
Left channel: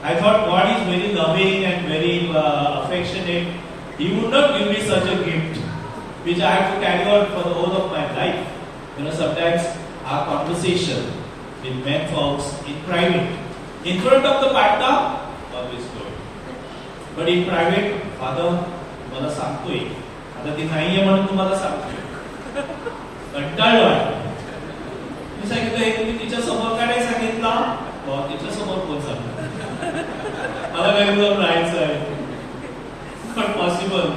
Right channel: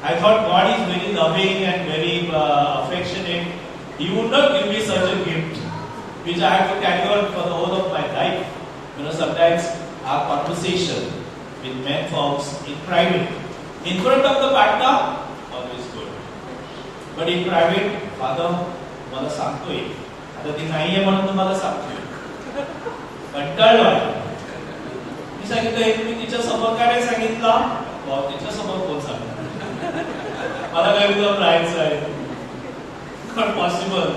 I thought God is very loving and very affectionate. He would not give me such a gift, which I have to carry on for the whole of my life. Sometimes our conversation with men folks in private, in front of the partner, always good. But in private, father तुम्हाला सांगतोय, आता ती नाहीये म्हणून तुम्हाला सांगतोय, कंटाळलो. मी सांगितलं हे तुम्ही तिच्या समोर काय नाही सांगितलं, तिच्या समोर कोण सांगणार, मला काय एकदम राहायचं आहे. Not possible.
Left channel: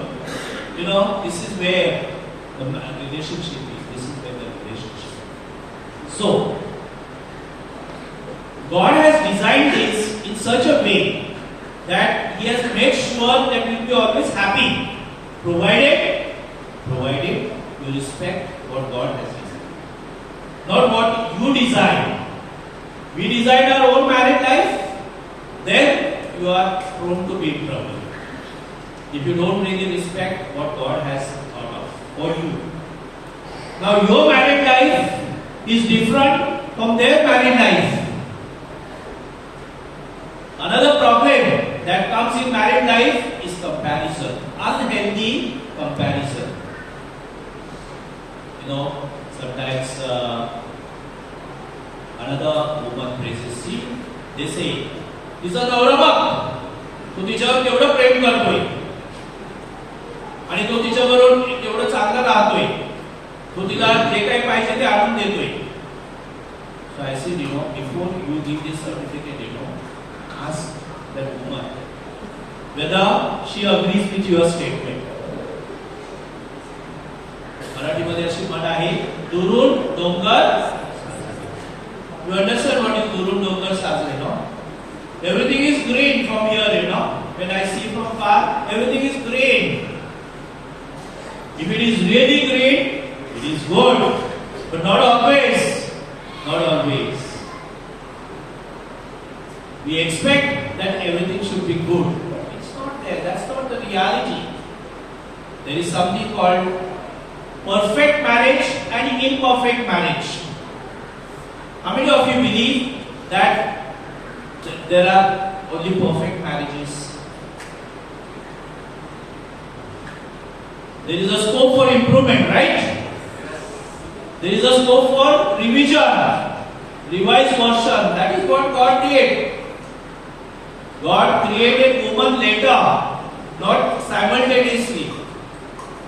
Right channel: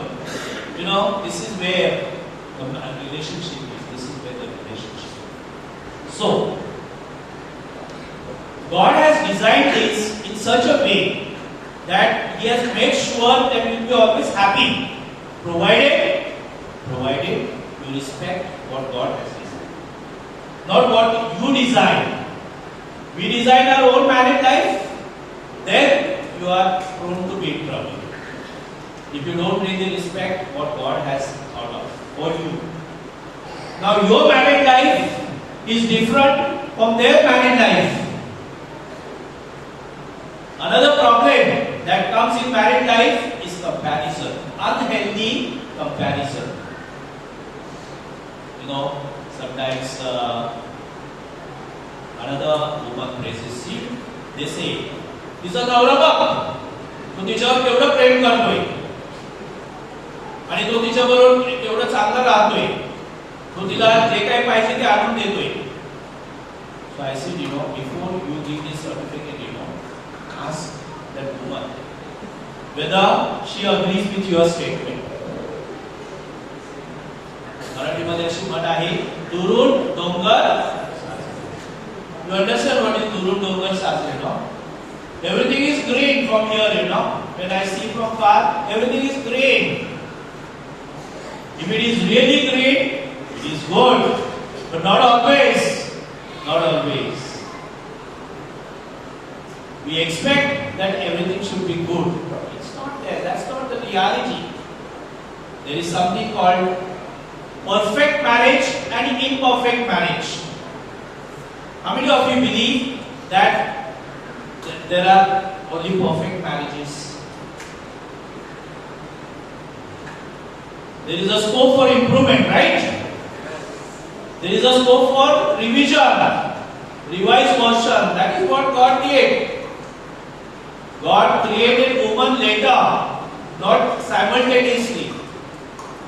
You know, this is where the relationship is. This is where the relationship. So, God has designed this in such a way that He has made sure that you will be always happy, provided you respect what God has designed, not what you design. We design our own married life, then you are prone to be in trouble. If you don't really respect what God has thought of for you. Now your married life is different from their married life. Another problem that comes in married life is comparison, unhealthy comparison. You know, sometimes another woman praises, see, they say, तिचा नवरा बघ, तो तिच्यावर केवढं प्रेम करतोय आणि तो तिच्याबरोबर केवढं चांगलं राहतोय, तो तिला जे काही पाहिजे ते आणून देतोय. So I said, you know, before you give this certificate, you know, ask that woman whether she agrees with your statement. मराठीमध्ये अशी म्हण आहे, दुरून डोंगर. You understand what is दुरून डोंगर साजरे, no? Everything is green from here, you know. When I see from far, everything is green. If it is really green, it is good, but not always. Not always. We expect that everything should be good, but it's not there. That's not the reality. There is something called perfect marriage and imperfect marriage. How many of you believe that there are only perfect marriages? There is a scope for improvement, right? There is a scope for revision, revised version. That is what God did. God created woman later, not simultaneously,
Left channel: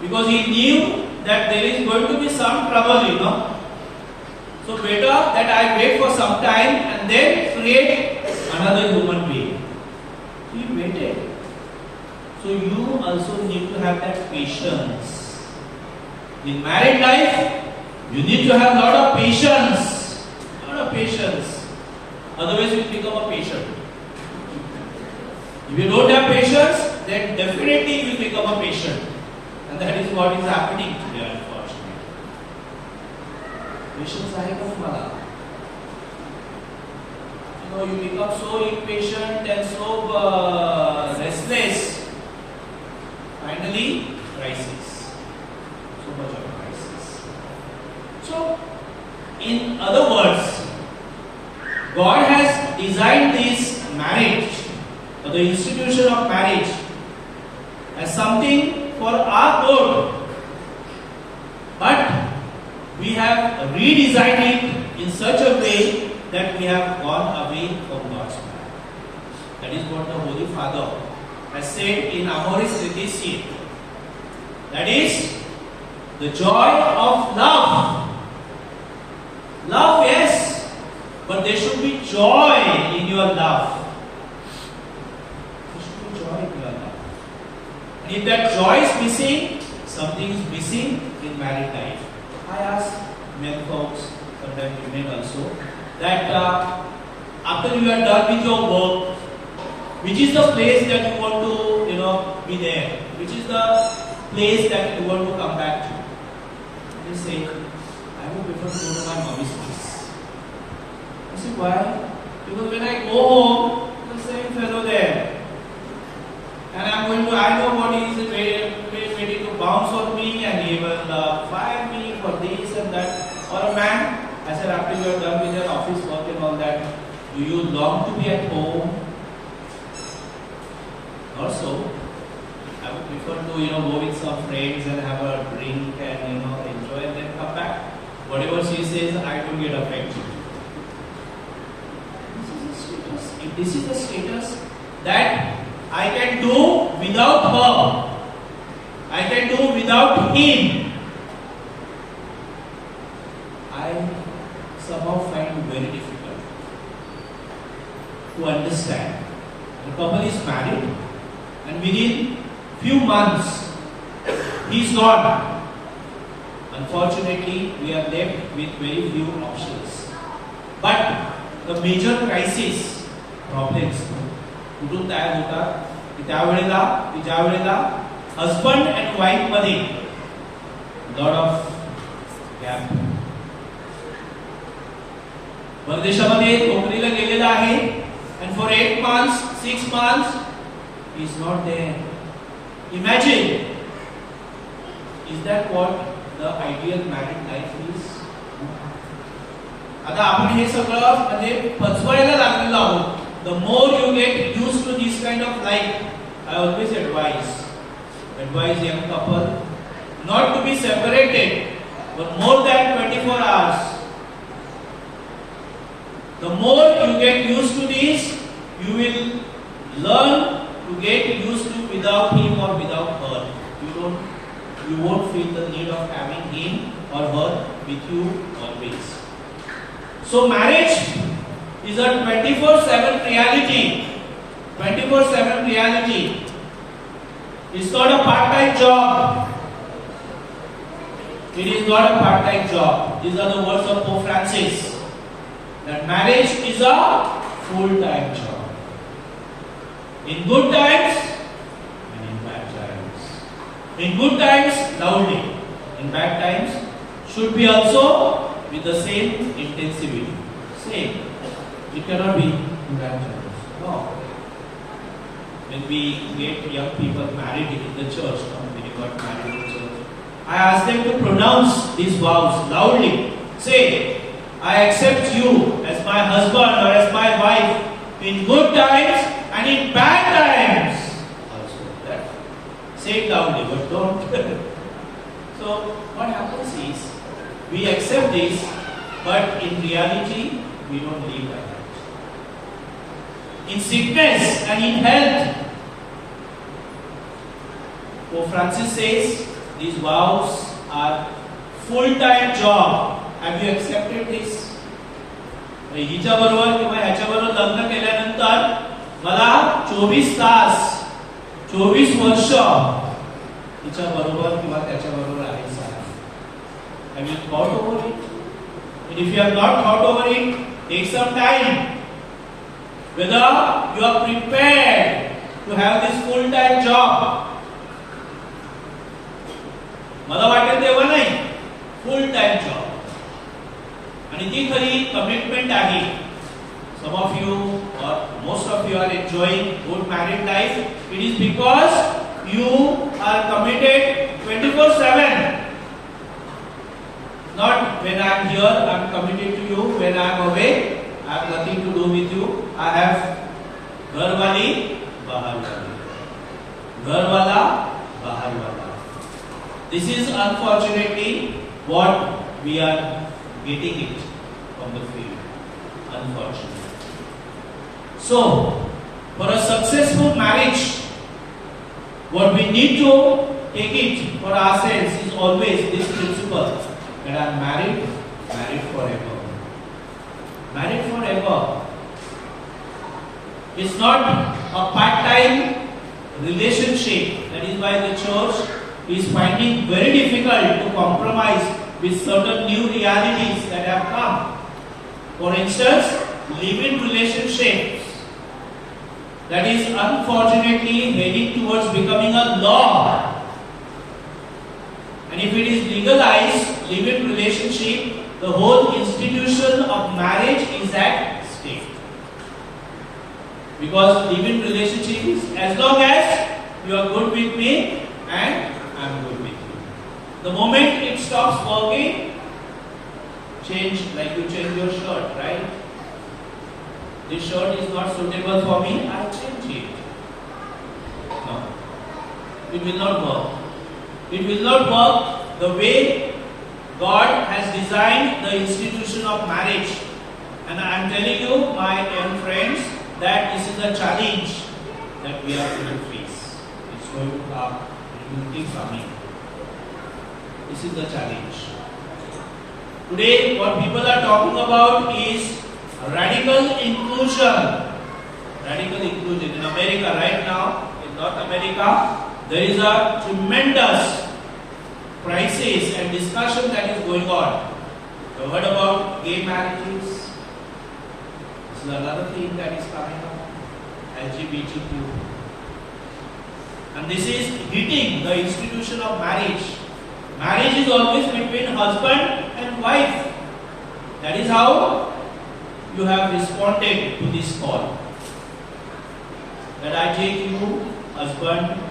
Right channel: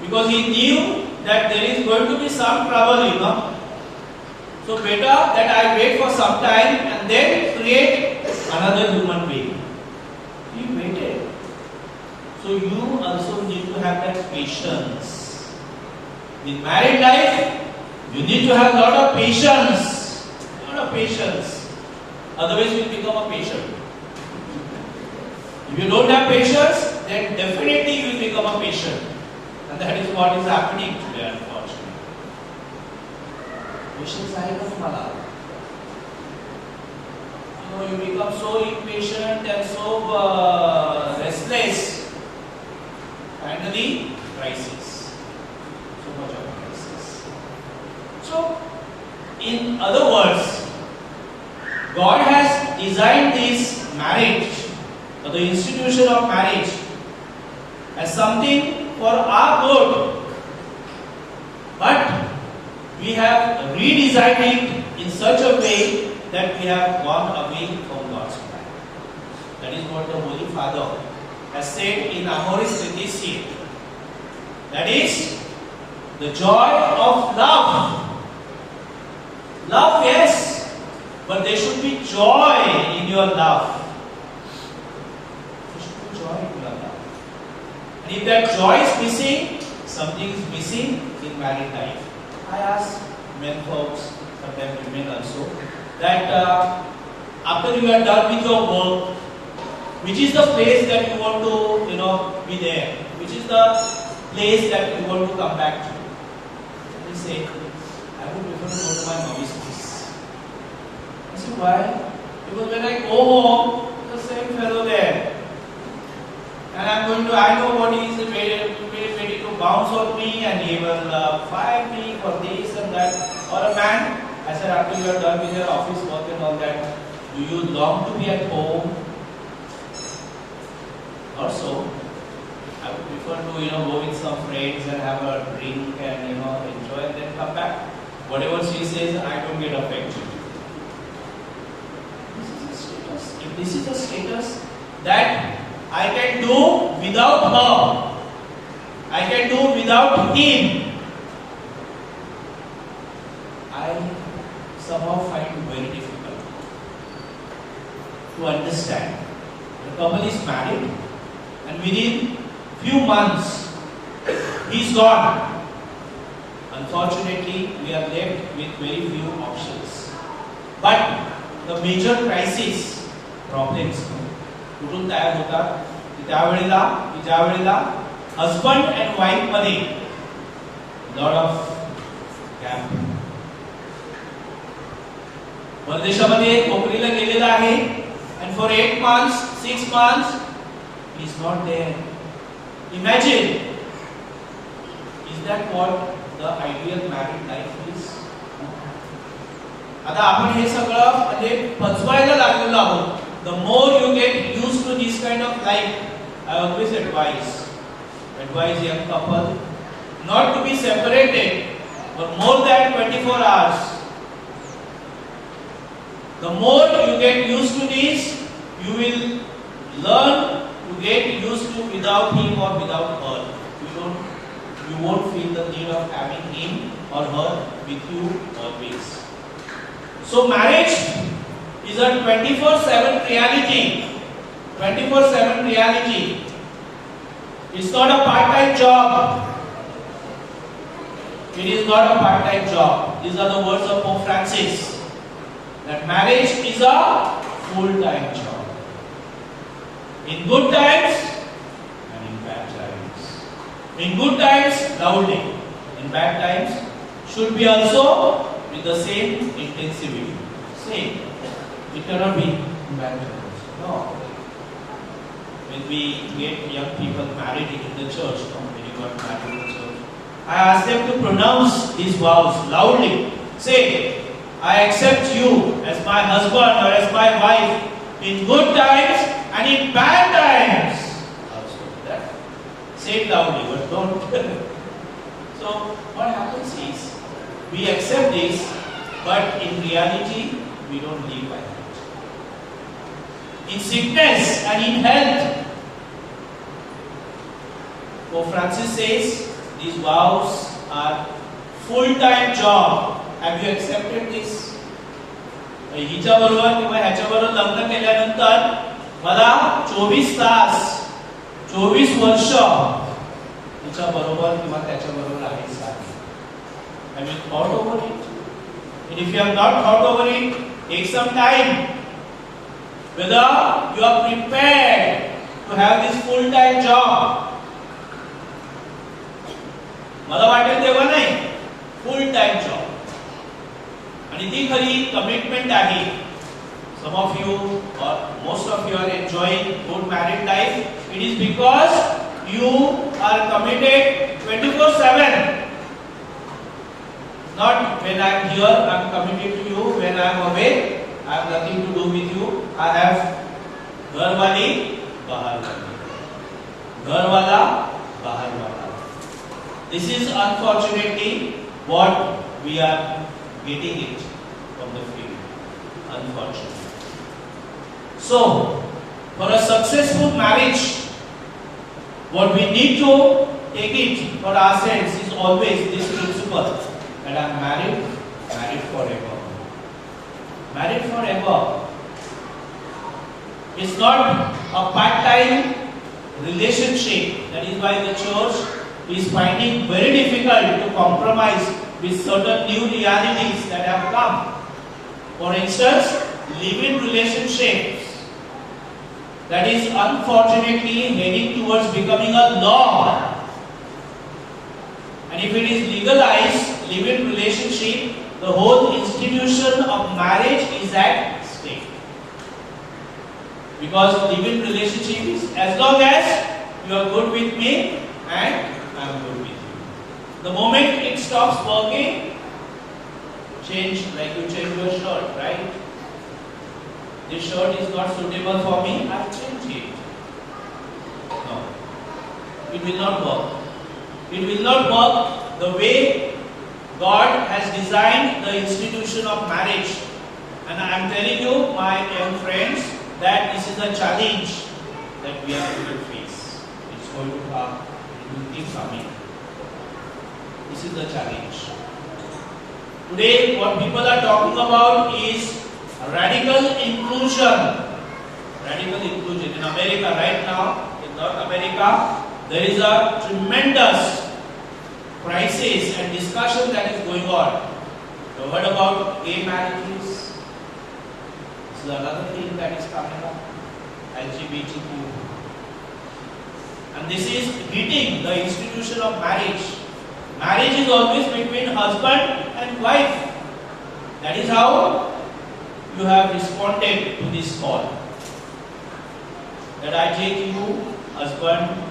because He knew that there is going to be some trouble, you know. So better that I wait for some time and then create another human being. He waited. So you also need to have that patience. In married life, you need to have a lot of patience. Lot of patience. Otherwise you become a patient. If you don't have patience, then definitely you will become a patient. And that is what is happening today, unfortunately. Patience आहे का तुम्हाला? You know, you become so impatient and so restless. Finally, crisis. So much of crisis. So, in other words, God has designed this marriage, or the institution of marriage, as something for our good. But we have redesigned it in such a way that we have gone away from God's plan. That is what the Holy Father has said in Amoris Laetitia. That is the joy of love. Love, yes, but there should be joy in your love. There should be joy in your love. And if that joy is missing, something is missing in married life. I ask men folks, sometimes women also, that after you are done with your work, which is the place that you want to, be there? Which is the place that you want to come back to? And they say, I would prefer to go to my mommy's place. I say, why? Because when I go home, the same fellow there. And I know what he is ready to bounce on me and he will fire me for this and that. Or a man, I said, after you are done with your office work and all that, do you long to be at home? Not so. I would prefer to, go with some friends and have a drink and, enjoy and then come back. Whatever she says, I don't get affected. This is a status. If this is a status that I can do without her. I can do without him. I somehow find very difficult to understand. The couple is married and within few months he's gone. Unfortunately, we are left with very few options. But the major crisis, problems, कुठून तयार होतात की ज्या वेळेला husband and wife मध्ये lot of gap. परदेशामध्ये नोकरीला गेलेला आहे and for 8 months, 6 months, he is not there. Imagine, is that what the ideal married life is? आता आपण हे सगळं म्हणजे पचवायला लागलेलो आहोत. The more you get used to this kind of life, I always advise young couple not to be separated for more than 24 hours. The more you get used to this, you will learn to get used to without him or without her. You won't feel the need of having him or her with you always. So marriage is a 24/7 reality. 24/7 reality. It's not a part-time job. It is not a part-time job. These are the words of Pope Francis. That marriage is a full-time job. In good times and in bad times. In good times, loudly. In bad times, should be also with the same intensity. Same. It cannot be in bad times. No. When we get young people married in the church, when you got married in the church, I ask them to pronounce these vows loudly. Say, I accept you as my husband or as my wife in good times and in bad times. Also, that say it loudly, but don't. So what happens is we accept this, but in reality we don't live like that. In sickness and in health, Pope Francis says these vows are full-time job. Have you accepted this? हिच्या बरोबर किंवा ह्याच्या बरोबर लग्न केल्यानंतर मला 24 तास 24 वर्ष हिच्या बरोबर किंवा त्याच्या बरोबर राहायचं आहे. Have you thought over it? And if you have not thought over it, take some time. Whether you are prepared to have this full-time job. मला वाटेल तेव्हा नाही, full-time job. आणि ती खरी कमिटमेंट आहे. Some of you or most of you are enjoying good married life. It is because you are committed 24/7. Not when I am here, I am committed to you. When I am away, I have nothing to do with you. I have घर वाली बाहर वाली, घर वाला बाहर वाला. This is unfortunately what we are getting it from the field, unfortunately. So, for a successful marriage, what we need to take it for ourselves is always this principle that I am married forever. Married forever. It's not a part-time relationship. That is why the church is finding very difficult to compromise with certain new realities that have come. For instance, live-in relationships that is unfortunately heading towards becoming a law. And if it is legalized, live-in relationship, the whole institution of marriage is at stake. Because live-in relationship is as long as you are good with me and I am good with you. The moment it stops working, change, like you change your shirt, right? This shirt is not suitable for me, I change it. No, it will not work. It will not work the way God has designed the institution of marriage. And I am telling you, my young friends, that this is a challenge. that we are going to face. It's going to come. It will keep coming. This is the challenge. Today, what people are talking about is radical inclusion. Radical inclusion. In America right now, in North America, there is a tremendous crisis and discussion that is going on. You heard about gay marriages? This is another thing that is coming up. LGBTQ. And this is hitting the institution of marriage. Marriage is always between husband and wife. That is how you have responded to this call. That I take you, husband,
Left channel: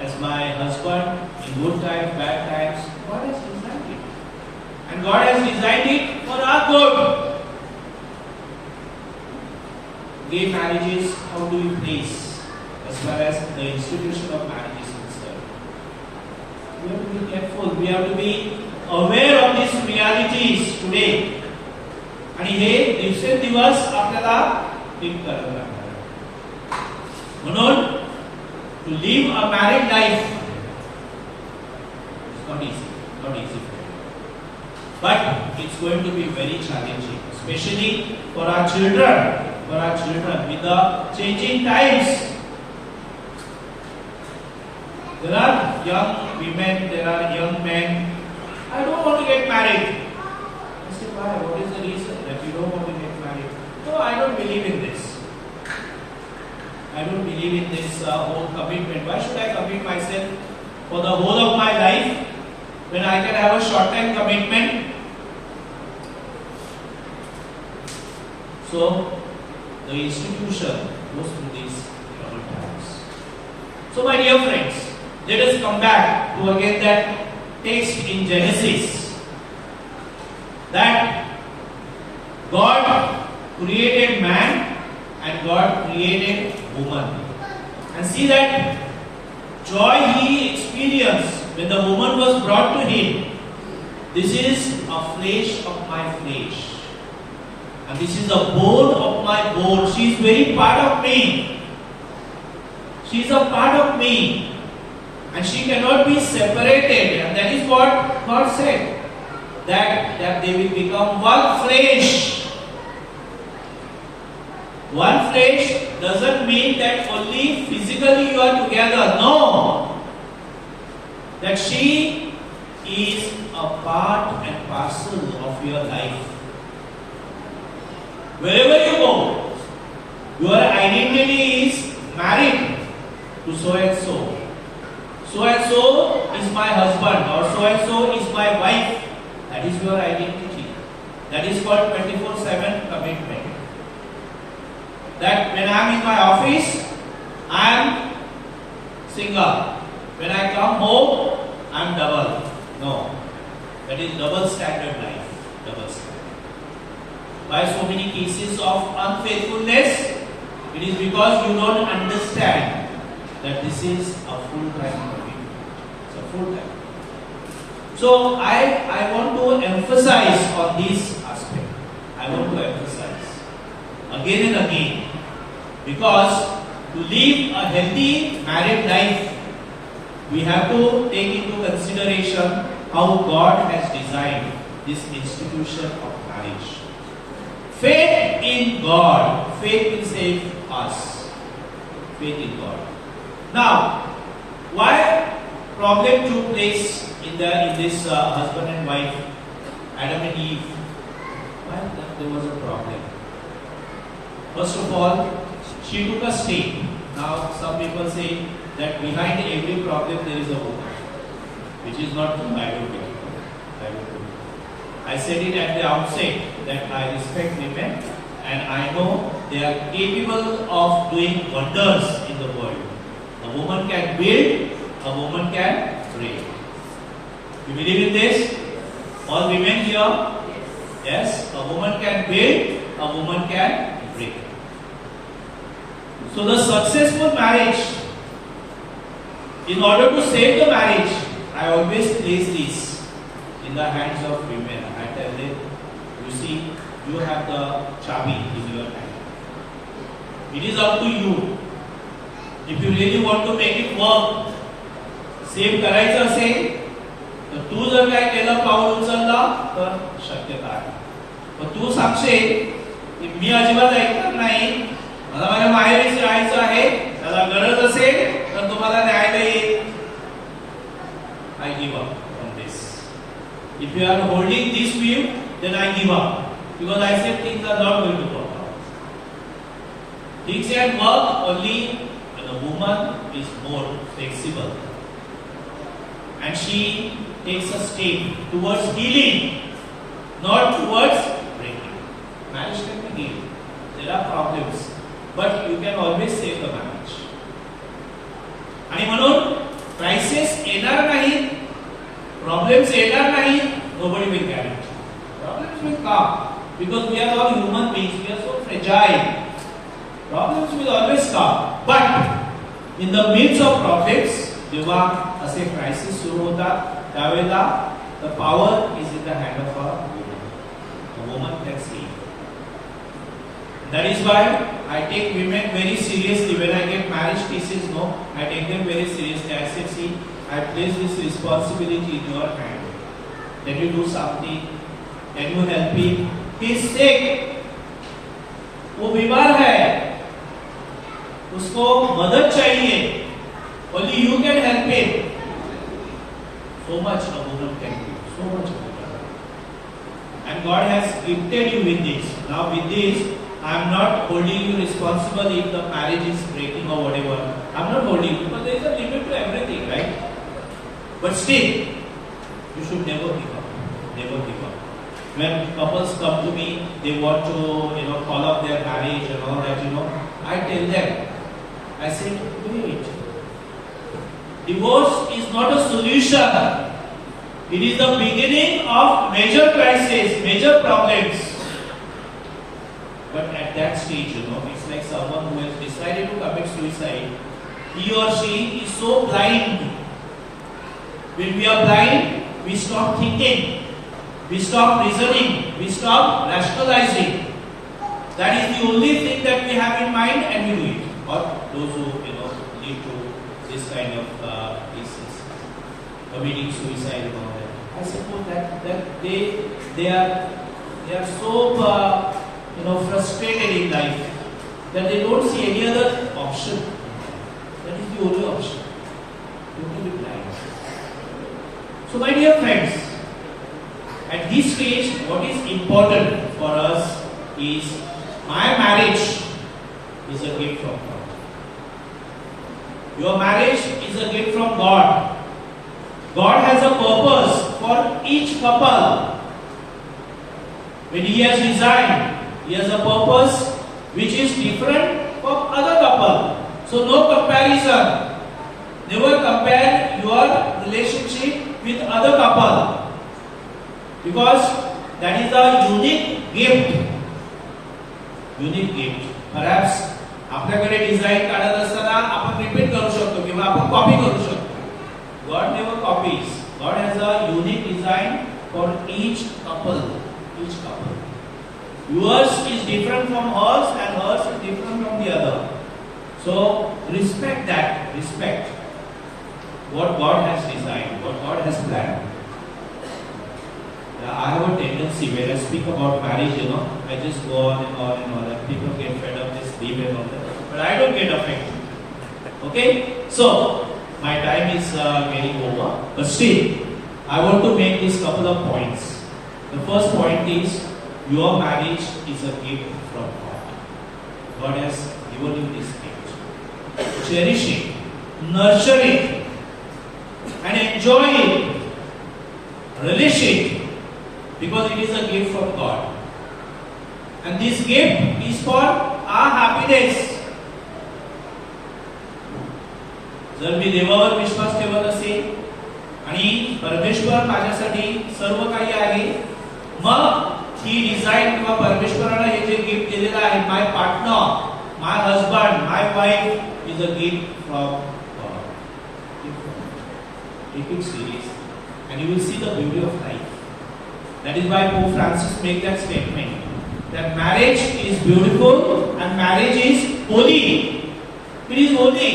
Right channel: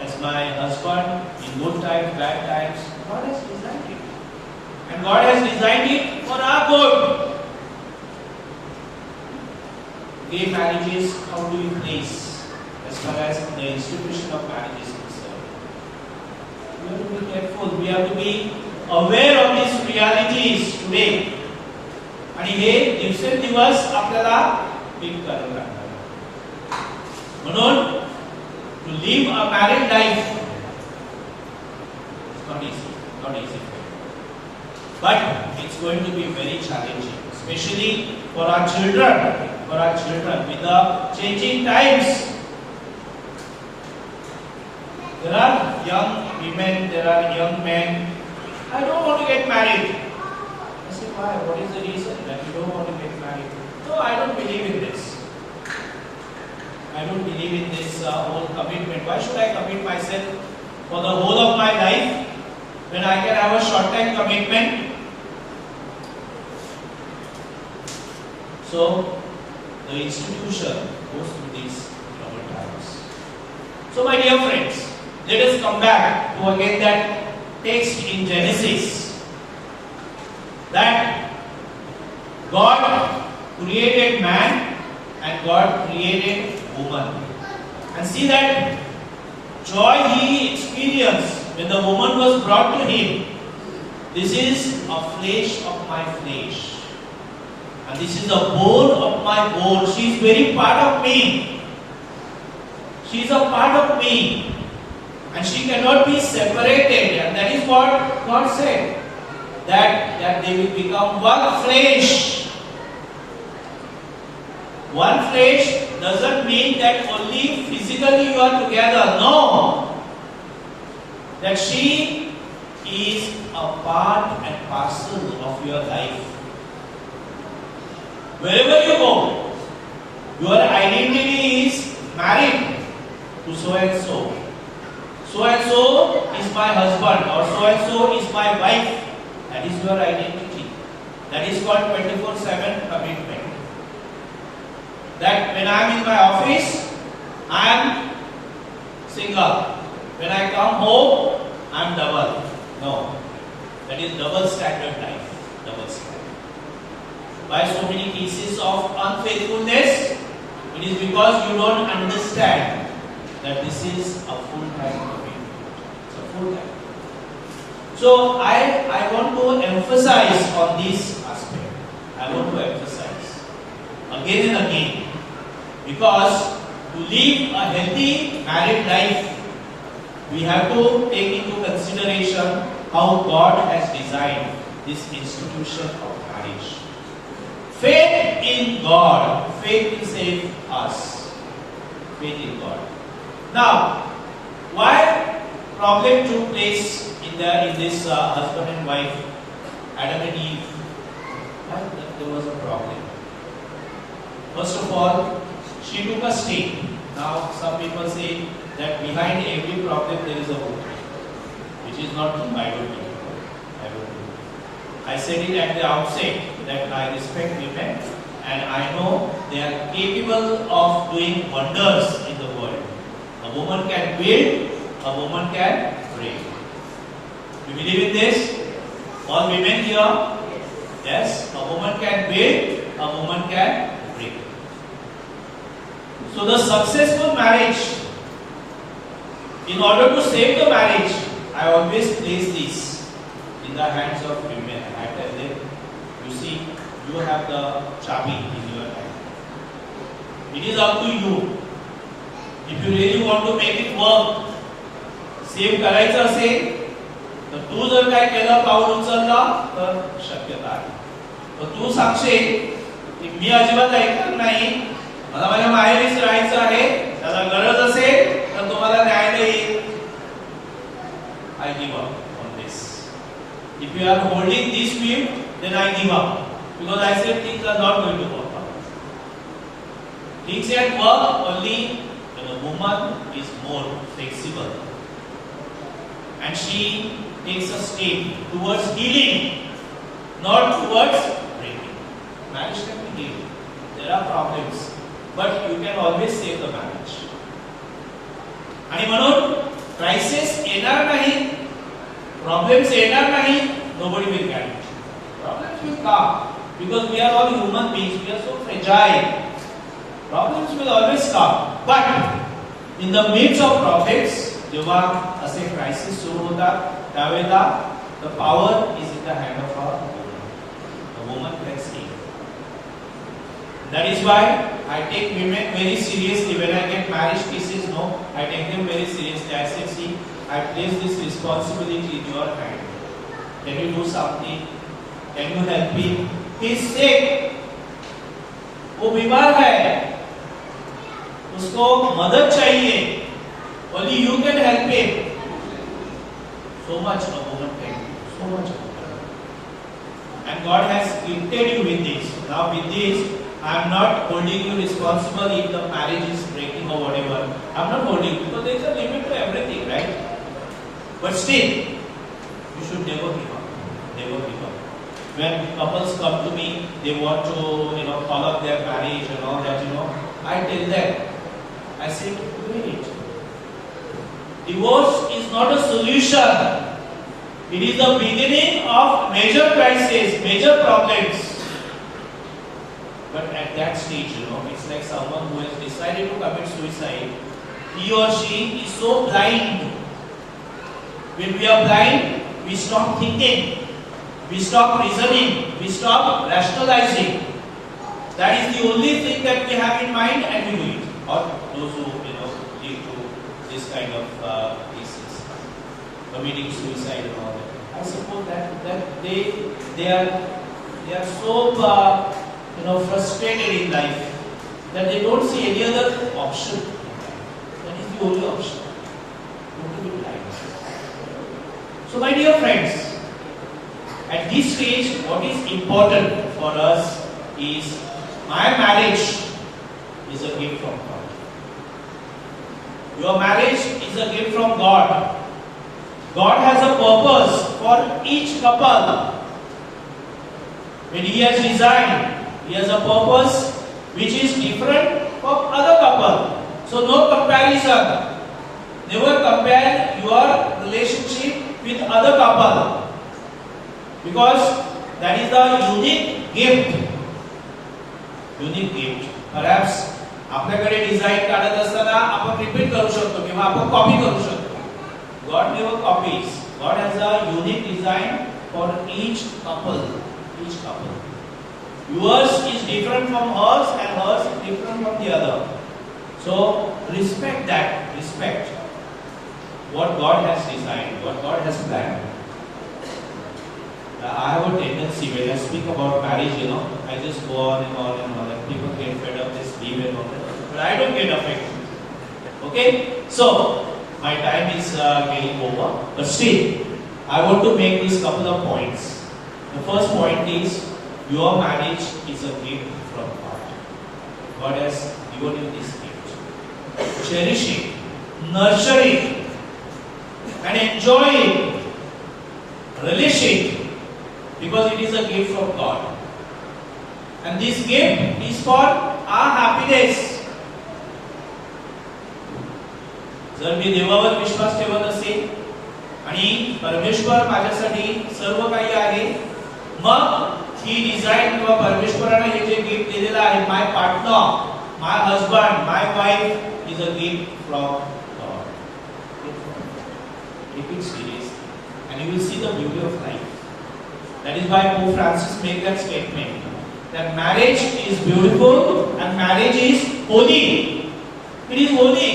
as my husband in good times, bad times. God has designed it. And God has designed it for our good. Gay marriages, how do we place as far as the institution of marriage is concerned? We have to be careful. We have to be aware of these realities today. आणि हे दिवसेंदिवस आपल्याला think करावं लागणार. म्हणून to live a married life is not easy. But it's going to be very challenging, especially for our children. With the changing times. There are young women, there are young men. I don't want to get married. I say, why? What is the reason that you don't want to get married? No, I don't believe in this. I don't believe in this whole commitment. Why should I commit myself for the whole of my life when I can have a short-time commitment? So, the institution goes through these troubled times. So, my dear friends, let us come back to again that text in Genesis. That God created man and God created woman. And see that joy he experienced when the woman was brought to him. This is a flesh of my flesh. And this is a bone of my bone. She is very part of me. She is a part of me. And she cannot be separated. And that is what God said. That they will become one flesh. One flesh doesn't mean that only physically you are together. No. That she is a part and parcel of your life. Wherever you go, your identity is married to so and so. So and so is my husband or so and so is my wife. That is your identity. That is called 24/7 commitment. That when I am in my office, I am single. When I come home, I am double. No. That is double standard life. Double standard. Why so many cases of unfaithfulness? It is because you don't understand that this is a full-time commitment. It's a full-time. So I want to emphasize on this aspect. I want to emphasize again and again. Because to live a healthy married life, we have to take into consideration how God has designed this institution of marriage. Faith in God. Faith will save us. Faith in God. Now, why problem took place in this husband and wife, Adam and Eve? Why there was a problem? First of all, she took a step. Now, some people say that behind every problem there is a woman, which is not true. I don't think. I said it at the outset that I respect women and I know they are capable of doing wonders in the world. A woman can build, a woman can break. You believe in this? All women here? Yes, a woman can build, a woman can break. So the successful marriage, in order to save the marriage, I always place this in the hands of women. I tell them, you see, you have the chabi in your hand. It is up to you If you really want to make it work, save करायचं असेल तर तू जर काय केलं, पाऊल उचललं तर शक्यता आहे. पण तू सांगशील की मी अजिबात ऐकणार नाही, मला माझ्या माहेरीच राहायचं आहे, त्याला गरज असेल तर तुम्हाला न्याय देईल. I give up on this. If you are holding this view, then I give up. Because I said things are not going to work out. Things can work only when a woman is more flexible. And she takes a step towards healing, not towards breaking. Marriage can be healed. There are problems, but you can always save the marriage. आणि म्हणून crisis येणार नाही, problems येणार नाही, nobody will carry it. Problems will come because we are all human beings, we are so fragile. Problems will always come, but in the midst of problems, जेव्हा असे crisis सुरू होतात त्यावेळेला the power is in the hand of a woman. A woman can save. That is why I take women very seriously. When I get marriage cases, no, I take them very seriously. I say, see, I place this responsibility in your hand. Can you do something? Can you help him? He is sick. वो बीमार है, उसको मदद चाहिए. Only you can help him. So much a woman can do. So much a woman. And God has gifted you with this. Now with this, I am not holding you responsible if the marriage is breaking or whatever. I am not holding you because there is a limit to everything, right? But still, you should never give up. Never give up. When couples come to me, they want to, call up their marriage and all that, I tell them, I say, wait. Divorce is not a solution. It is the beginning of major crisis, major problems. But at that stage, it's like someone who has decided to commit suicide. He or she is so blind. When we are blind, we stop thinking, we stop reasoning, we stop rationalizing. That is the only thing that we have in mind, and we do it. Or those who lead to this kind of cases, committing suicide and all that. I suppose that they are so frustrated in life that they don't see any other option. That is the only option. Don't be blind. So, my dear friends, at this stage, what is important for us is my marriage is a gift from God. Your marriage is a gift from God. God has a purpose for each couple. When He has designed, He has a purpose which is different from other couple. So no comparison. Never compare your relationship with other couple, because that is the unique gift. Unique gift. Perhaps आपल्याकडे design काढत असताना आपण repeat करू शकतो किंवा आपण copy करू शकतो. God never copies. God has a unique design for each couple. Each couple. Yours is different from hers, and hers is different from the other. So respect that. Respect what God has designed, what God has planned. I have a tendency when I speak about marriage, I just go on and on and on, and people get fed up, just leave it on that. But I don't get affected. Okay? So, my time is getting over. But still, I want to make these couple of points. The first point is, your marriage is a gift from God. God has given you this gift. Cherish it, nurture it, and enjoy it. Relish it. Because it is a gift from God. And this gift is for our happiness. जर मी देवावर विश्वास ठेवत असेल आणि परमेश्वर माझ्यासाठी सर्व काही आहे, मग ही डिझाईन किंवा परमेश्वराने हे जे गिफ्ट दिलेलं आहे, my partner, my husband, my wife is a gift from God. Take it seriously, and you will see the beauty of life. That is why Pope Francis made that statement, that marriage is beautiful and marriage is holy. It is holy.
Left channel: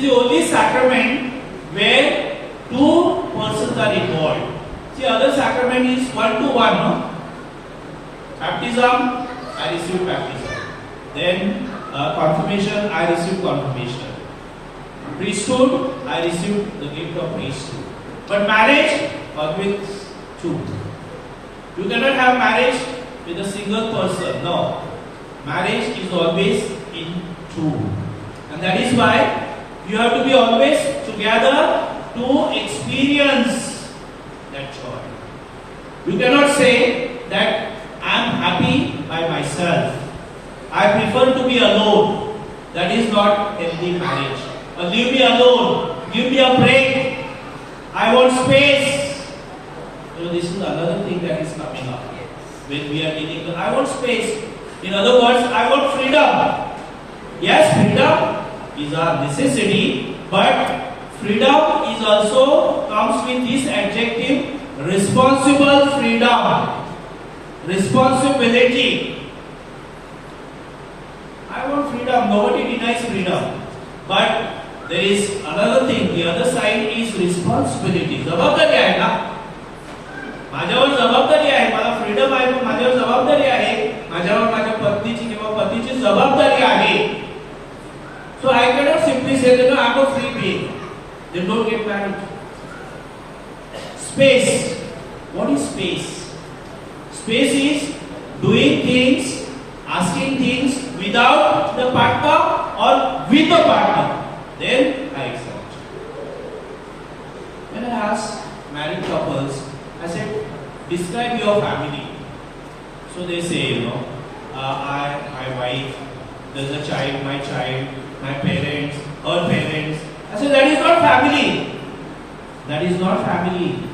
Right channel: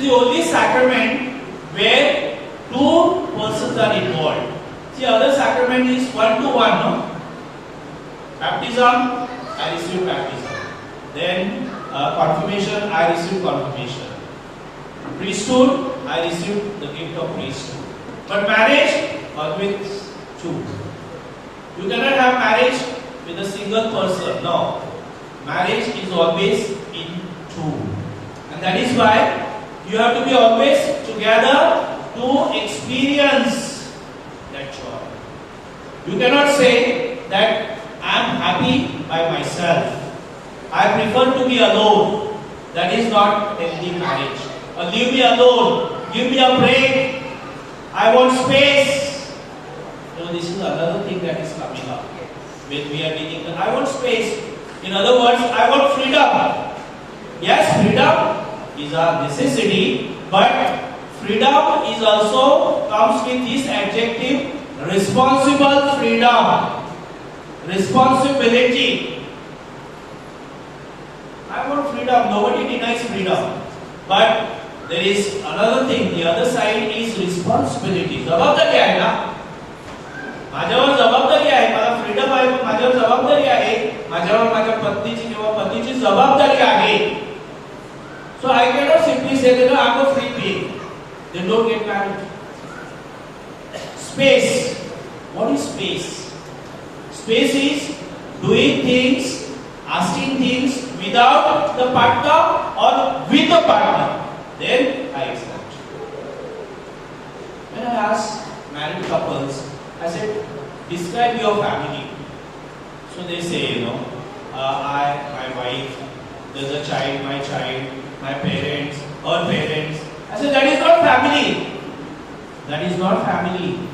is the only sacrament where two persons are involved. See, other sacrament is one to one, no? Baptism, I receive baptism. Then confirmation, I receive confirmation. Priesthood, I receive the gift of priesthood. But marriage, always two. You cannot have marriage with a single person. No. Marriage is always in two. And that is why you have to be always together to experience that joy. You cannot say that I am happy by myself. I prefer to be alone. That is not healthy marriage. Or leave me alone. Give me a break. I want space. So this is another thing that is coming up when we are meeting. I want space. In other words, I want freedom. Yes, freedom is a necessity, but freedom is also comes with this adjective, responsible freedom. Responsibility. I want freedom. Nobody denies freedom. But there is another thing. The other side is responsibility. जबाबदारी आहे ना. माझ्यावर जबाबदारी आहे. मला freedom आहे. माझ्यावर जबाबदारी आहे. माझ्यावर माझ्या पत्नीची किंवा पतीची जबाबदारी आहे. So I cannot simply say that I am a free being. They don't get married. Space. What is space? Space is doing things, asking things without the partner or with the partner. Then I accept. When I ask married couples, I said, describe your family. So they say, my wife, there's a child, my parents, her parents. I said, that is not family. That is not family.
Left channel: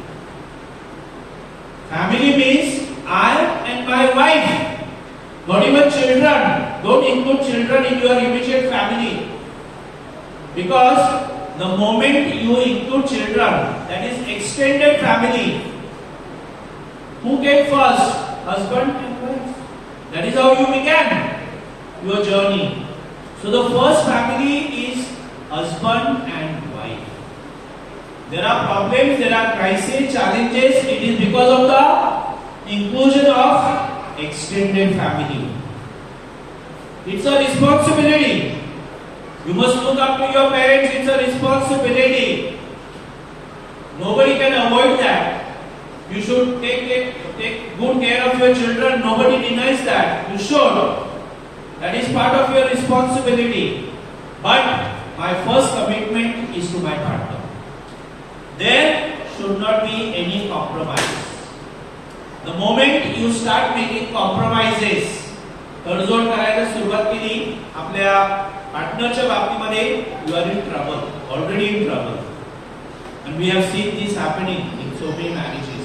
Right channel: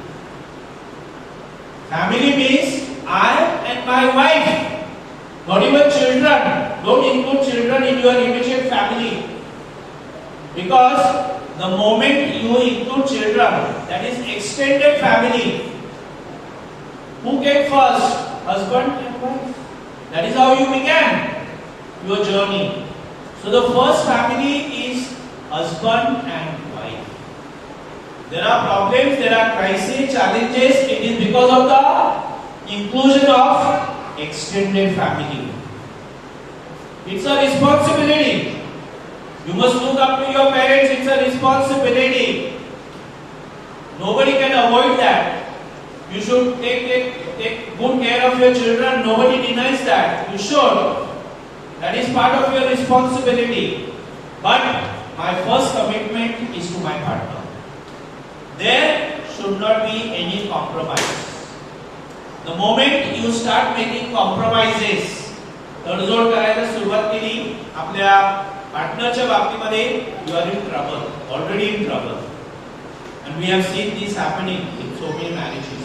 Family means I and my wife. Not even children. Don't include children in your immediate family. Because the moment you include children, that is extended family. Who came first? Husband and wife. That is how you began your journey. So the first family is husband and wife. There are problems, there are crises, challenges. It is because of the inclusion of extended family. It's a responsibility. You must look up to your parents. It's a responsibility. Nobody can avoid that. You should take good care of your children. Nobody denies that. You should. That is part of your responsibility. But my first commitment is to my partner. There should not be any compromise. The moment you start making compromises, तडजोड करायला सुरुवात केली आपल्या पार्टनरच्या बाबतीमध्ये, you are in trouble, already in trouble. And we have seen this happening in so many marriages,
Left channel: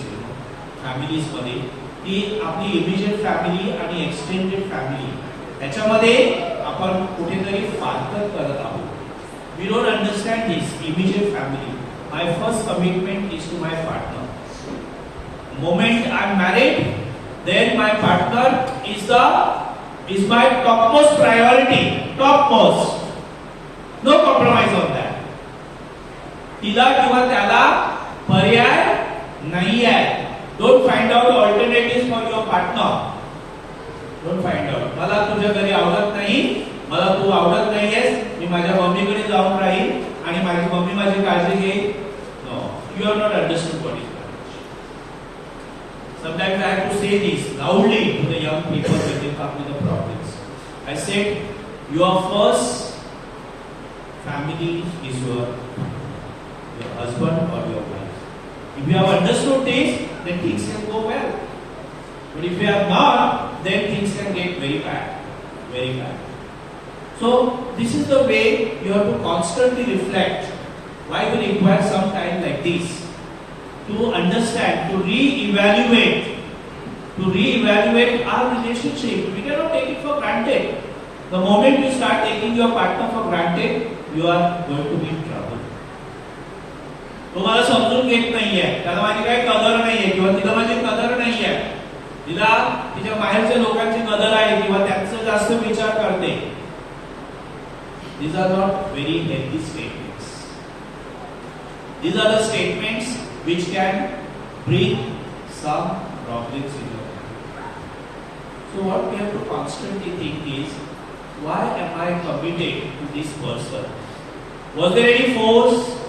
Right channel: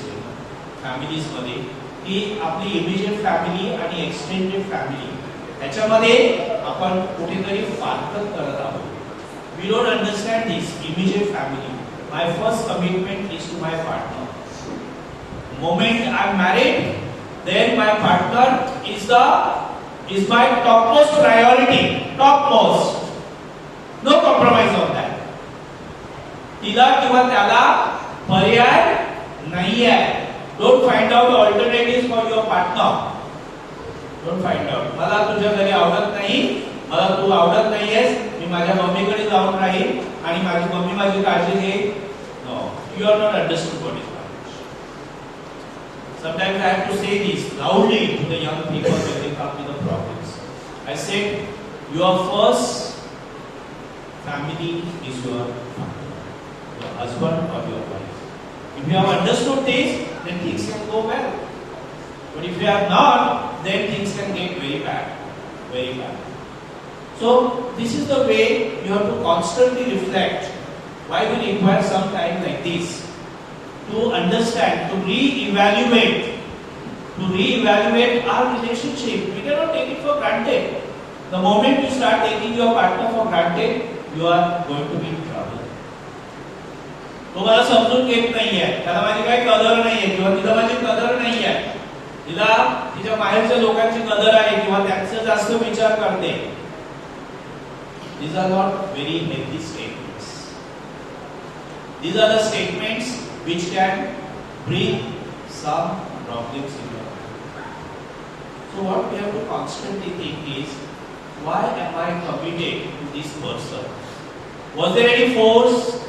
families मध्ये, की आपली immediate family आणि extended family त्याच्यामध्ये आपण कुठेतरी फारकत करत आहोत. We don't understand this immediate family. My first commitment is to my partner. Moment I am married, then my partner is my topmost priority. Topmost. No compromise on that. तिला किंवा त्याला पर्याय नाही आहे. Don't find out alternatives for your partner. Don't find out. मला तुझ्या घरी आवडत नाही, मला तू आवडत नाहीयेस, मी माझ्या मम्मीकडे जाऊन राहील आणि माझी मम्मी माझी काळजी घेईल. No, you are not understood what is marriage. Sometimes I have to say this loudly to the young people when they come with the problems. I said, your first family is your husband or your wife. If you have understood this, then things can go well. But if you have not, then things can get very bad. Very bad. So, this is the way you have to constantly reflect. Why we require some time like this? To understand, to re-evaluate our relationship. We cannot take it for granted. The moment you start taking your partner for granted, you are going to be in trouble. तुम्हाला समजून घेत नाहीये, त्याला माझी काही कदर नाहीये किंवा तिला माझी कदर नाहीये, तिला तिच्या बाहेरच्या लोकांची कदर आहे किंवा त्यांचा जास्त विचार करते. These are not very healthy statements. These are the statements which can bring some problems in your life. So what we have to constantly think is, why am I committed to this person? Was there any force?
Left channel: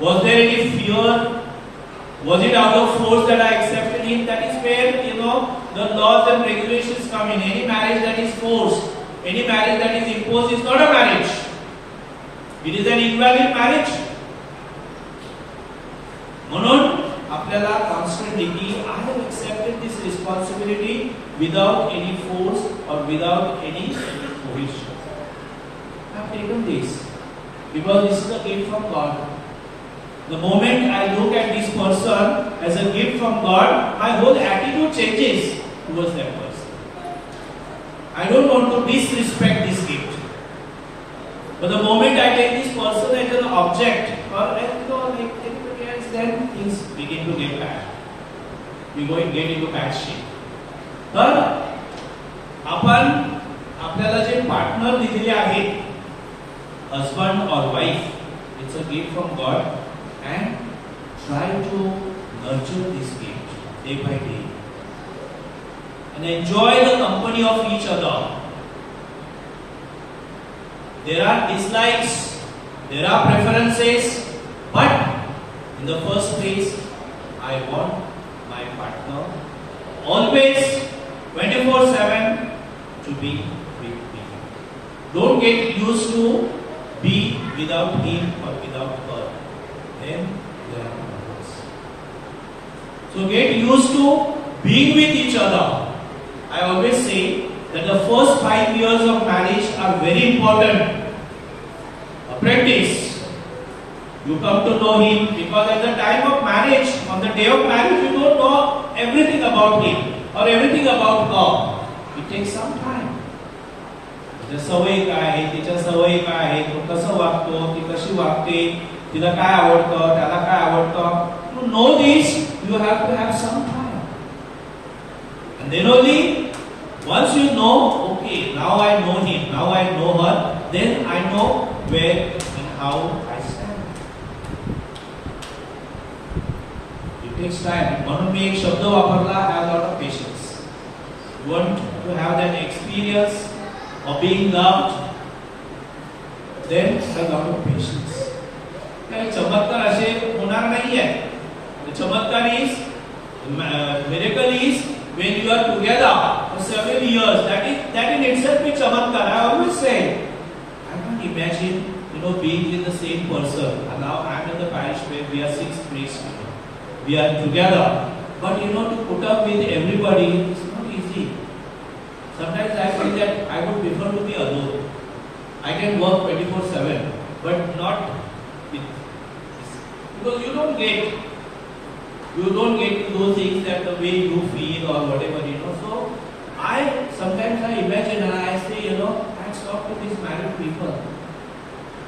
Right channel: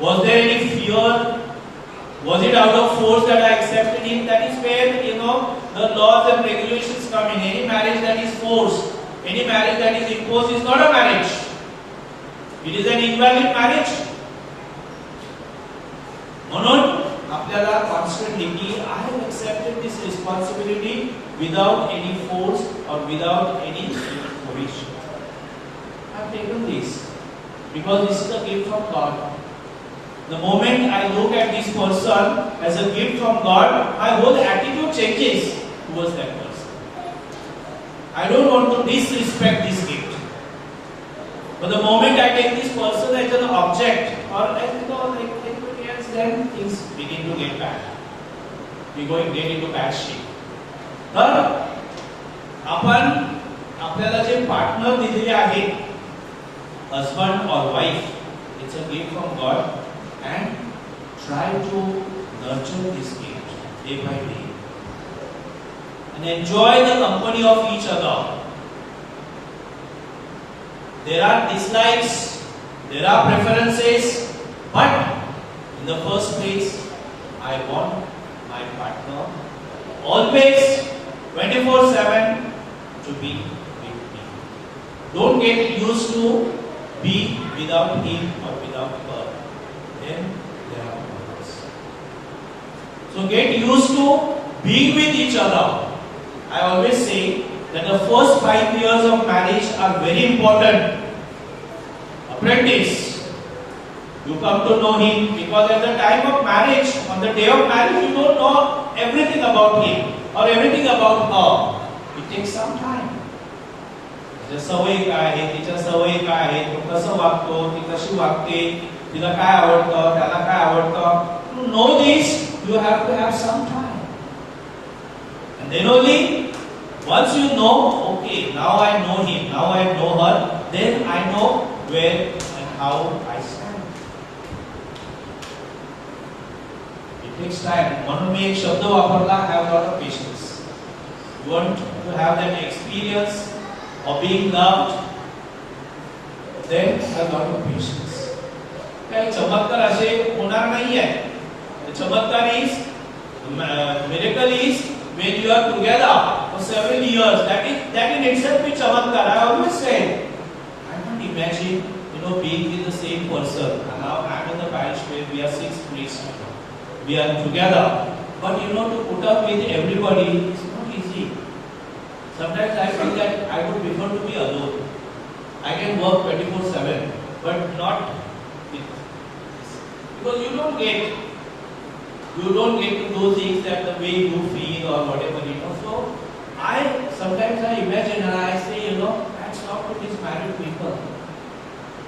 Was there any fear? Was it out of force that I accepted him? That is where, the laws and regulations come in. Any marriage that is forced, any marriage that is imposed is not a marriage. It is an invalid marriage. म्हणून आपल्याला constantly की I have accepted this responsibility without any force or without any coercion. I have taken this because this is a gift from God. The moment I look at this person as a gift from God, my whole attitude changes towards that person. I don't want to disrespect this gift. But the moment I take this person as an object, or like anybody else, then things begin to get bad. We go and get into bad shape. तर आपण आपल्याला जे partner दिलेले आहेत, husband or wife, it's a gift from God, and try to nurture this gift day by day and enjoy the company of each other. There are dislikes, there are preferences, but in the first place, I want my partner always 24/7 to be with me. Don't get used to be without him or without her. Then there are problems. So get used to being with each other. I always say that the first 5 years of marriage are very important. Apprentice, you come to know him because at the time of marriage, on the day of marriage, you don't know everything about him or everything about her. It takes some time. त्याच्या सवयी काय आहे, तिच्या सवयी काय आहे, तो कसं वागतो, ती कशी वागते, तिला काय आवडतं, त्याला काय आवडतं. To know this, you have to have some time. And then only once you know, okay, now I know him, now I know her, then I know where and how I stand. It takes time. म्हणून मी एक शब्द वापरला, have a lot of patience. You want to have that experience of being loved, then a lot of patience. काही चमत्कार असे होणार नाहीये. The चमत्कार is, miracle is when you are together for 7 years. That in itself is चमत्कार. I always say, I can't imagine, being with the same person. And now I'm in the parish where we are 6 priests. We are together, but to put up with everybody is not easy. Sometimes I feel that I would prefer to be alone. I can work 24/7, but not with this. Because you don't get to do things that the way you feel or whatever, So sometimes I imagine and I say, let's talk to these married people.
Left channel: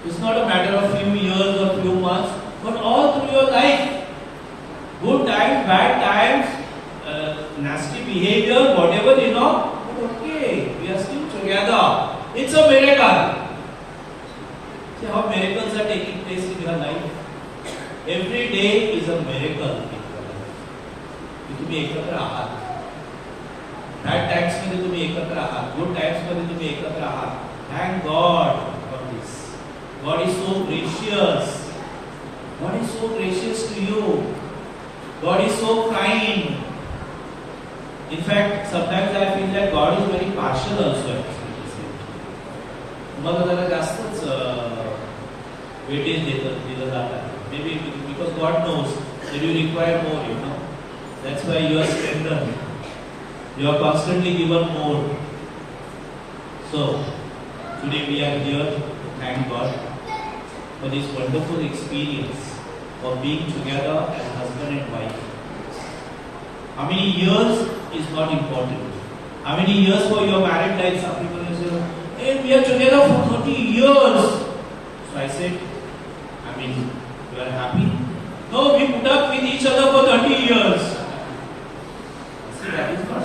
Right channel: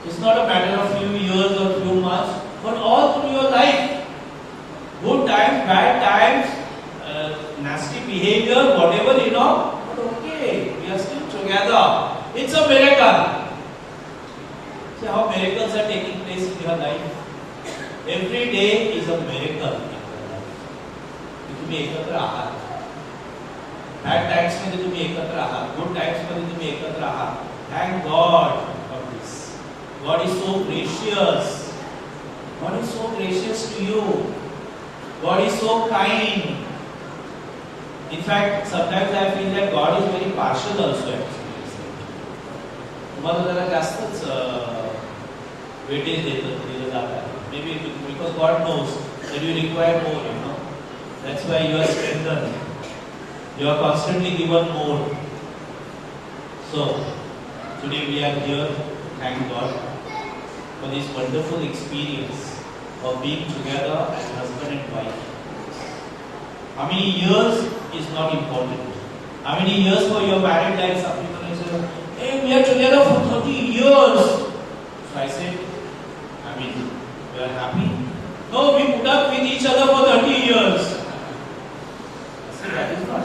It's not a matter of few years or few months, but all through your life. Good times, bad times, nasty behavior, whatever, but okay, we are still together. It's a miracle. See how miracles are taking place in your life. Every day is a miracle in your life. तुम्ही एकत्र आहात. Bad times मध्ये तुम्ही एकत्र आहात. Good times मध्ये तुम्ही एकत्र आहात. Thank God for this. God is so gracious. God is so gracious to you. God is so kind. In fact, sometimes I feel that God is very partial also. तुम्हाला जरा जास्तच weightage दिलं जात आहे. Maybe because God knows that you require more, That's why you are strengthened. You are constantly given more. So, today we are here to thank God for this wonderful experience of being together as husband and wife. How many years is not important. How many years for your married life? Some people will say, hey, we are together for 30 years. So I said, you are happy? No, we put up with each other for 30 years. See, that is not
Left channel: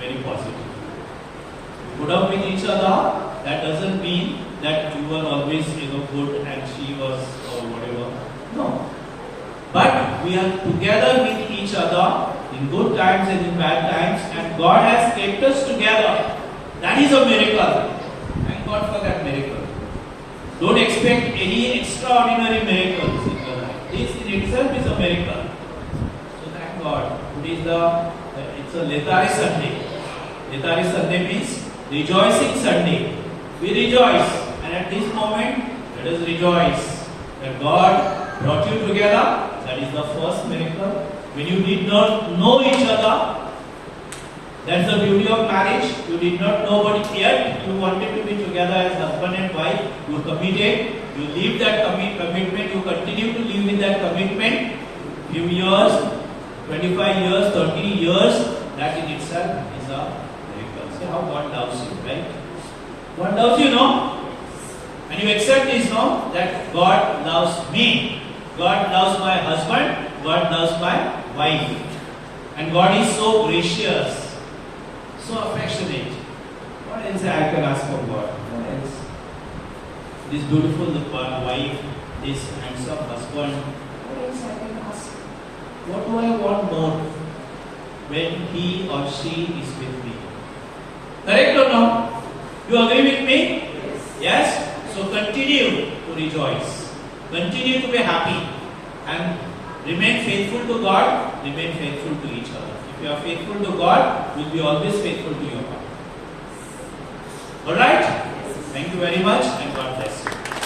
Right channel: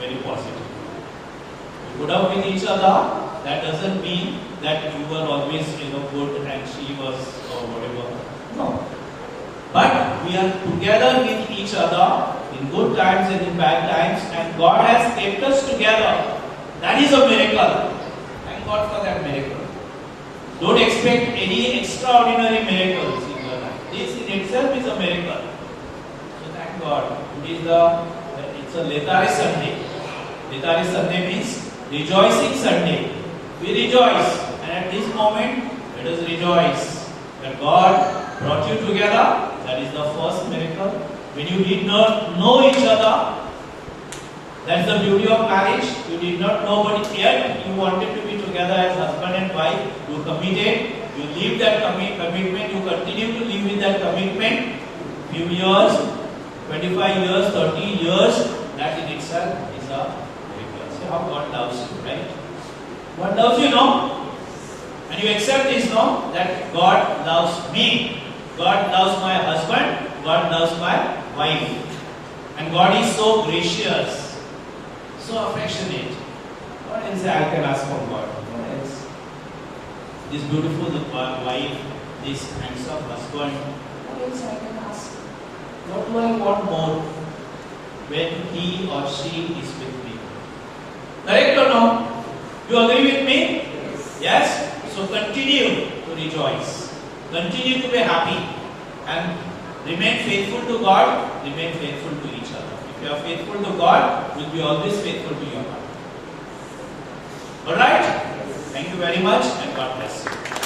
very positive. We put up with each other, that doesn't mean that you were always, good and she was or whatever. No. we are together with each other in good times and in bad times, and God has kept us together. That is a miracle. Thank God for that miracle. Don't expect any extraordinary miracles in your life. This in itself is a miracle. So thank God. It's a Letari Sunday. Letari Sunday means rejoicing Sunday. We rejoice, and at this moment, let us rejoice that God brought you together. That is the first miracle. When you did not know each other, that's the beauty of marriage. You did not know, but yet you wanted to be together as husband and wife. You committed. You lived that commitment. You continue to live with that commitment. Few years, 25 years, 30 years. That in itself is a miracle. See how God loves you, right? God loves you, no? And you accept this, no? That God loves me. God loves my husband. God loves my wife. And God is so gracious, so affectionate. What else I can ask from God? What else? This beautiful wife, this handsome husband. What else I can ask? What do I want more when he or she is with me? Correct or no? You agree with me? Yes? So continue to rejoice. Continue to be happy. And remain faithful to God. Remain faithful to each other. If you are faithful to God, you will be always faithful to your partner. Alright? Thank you very much and God bless you.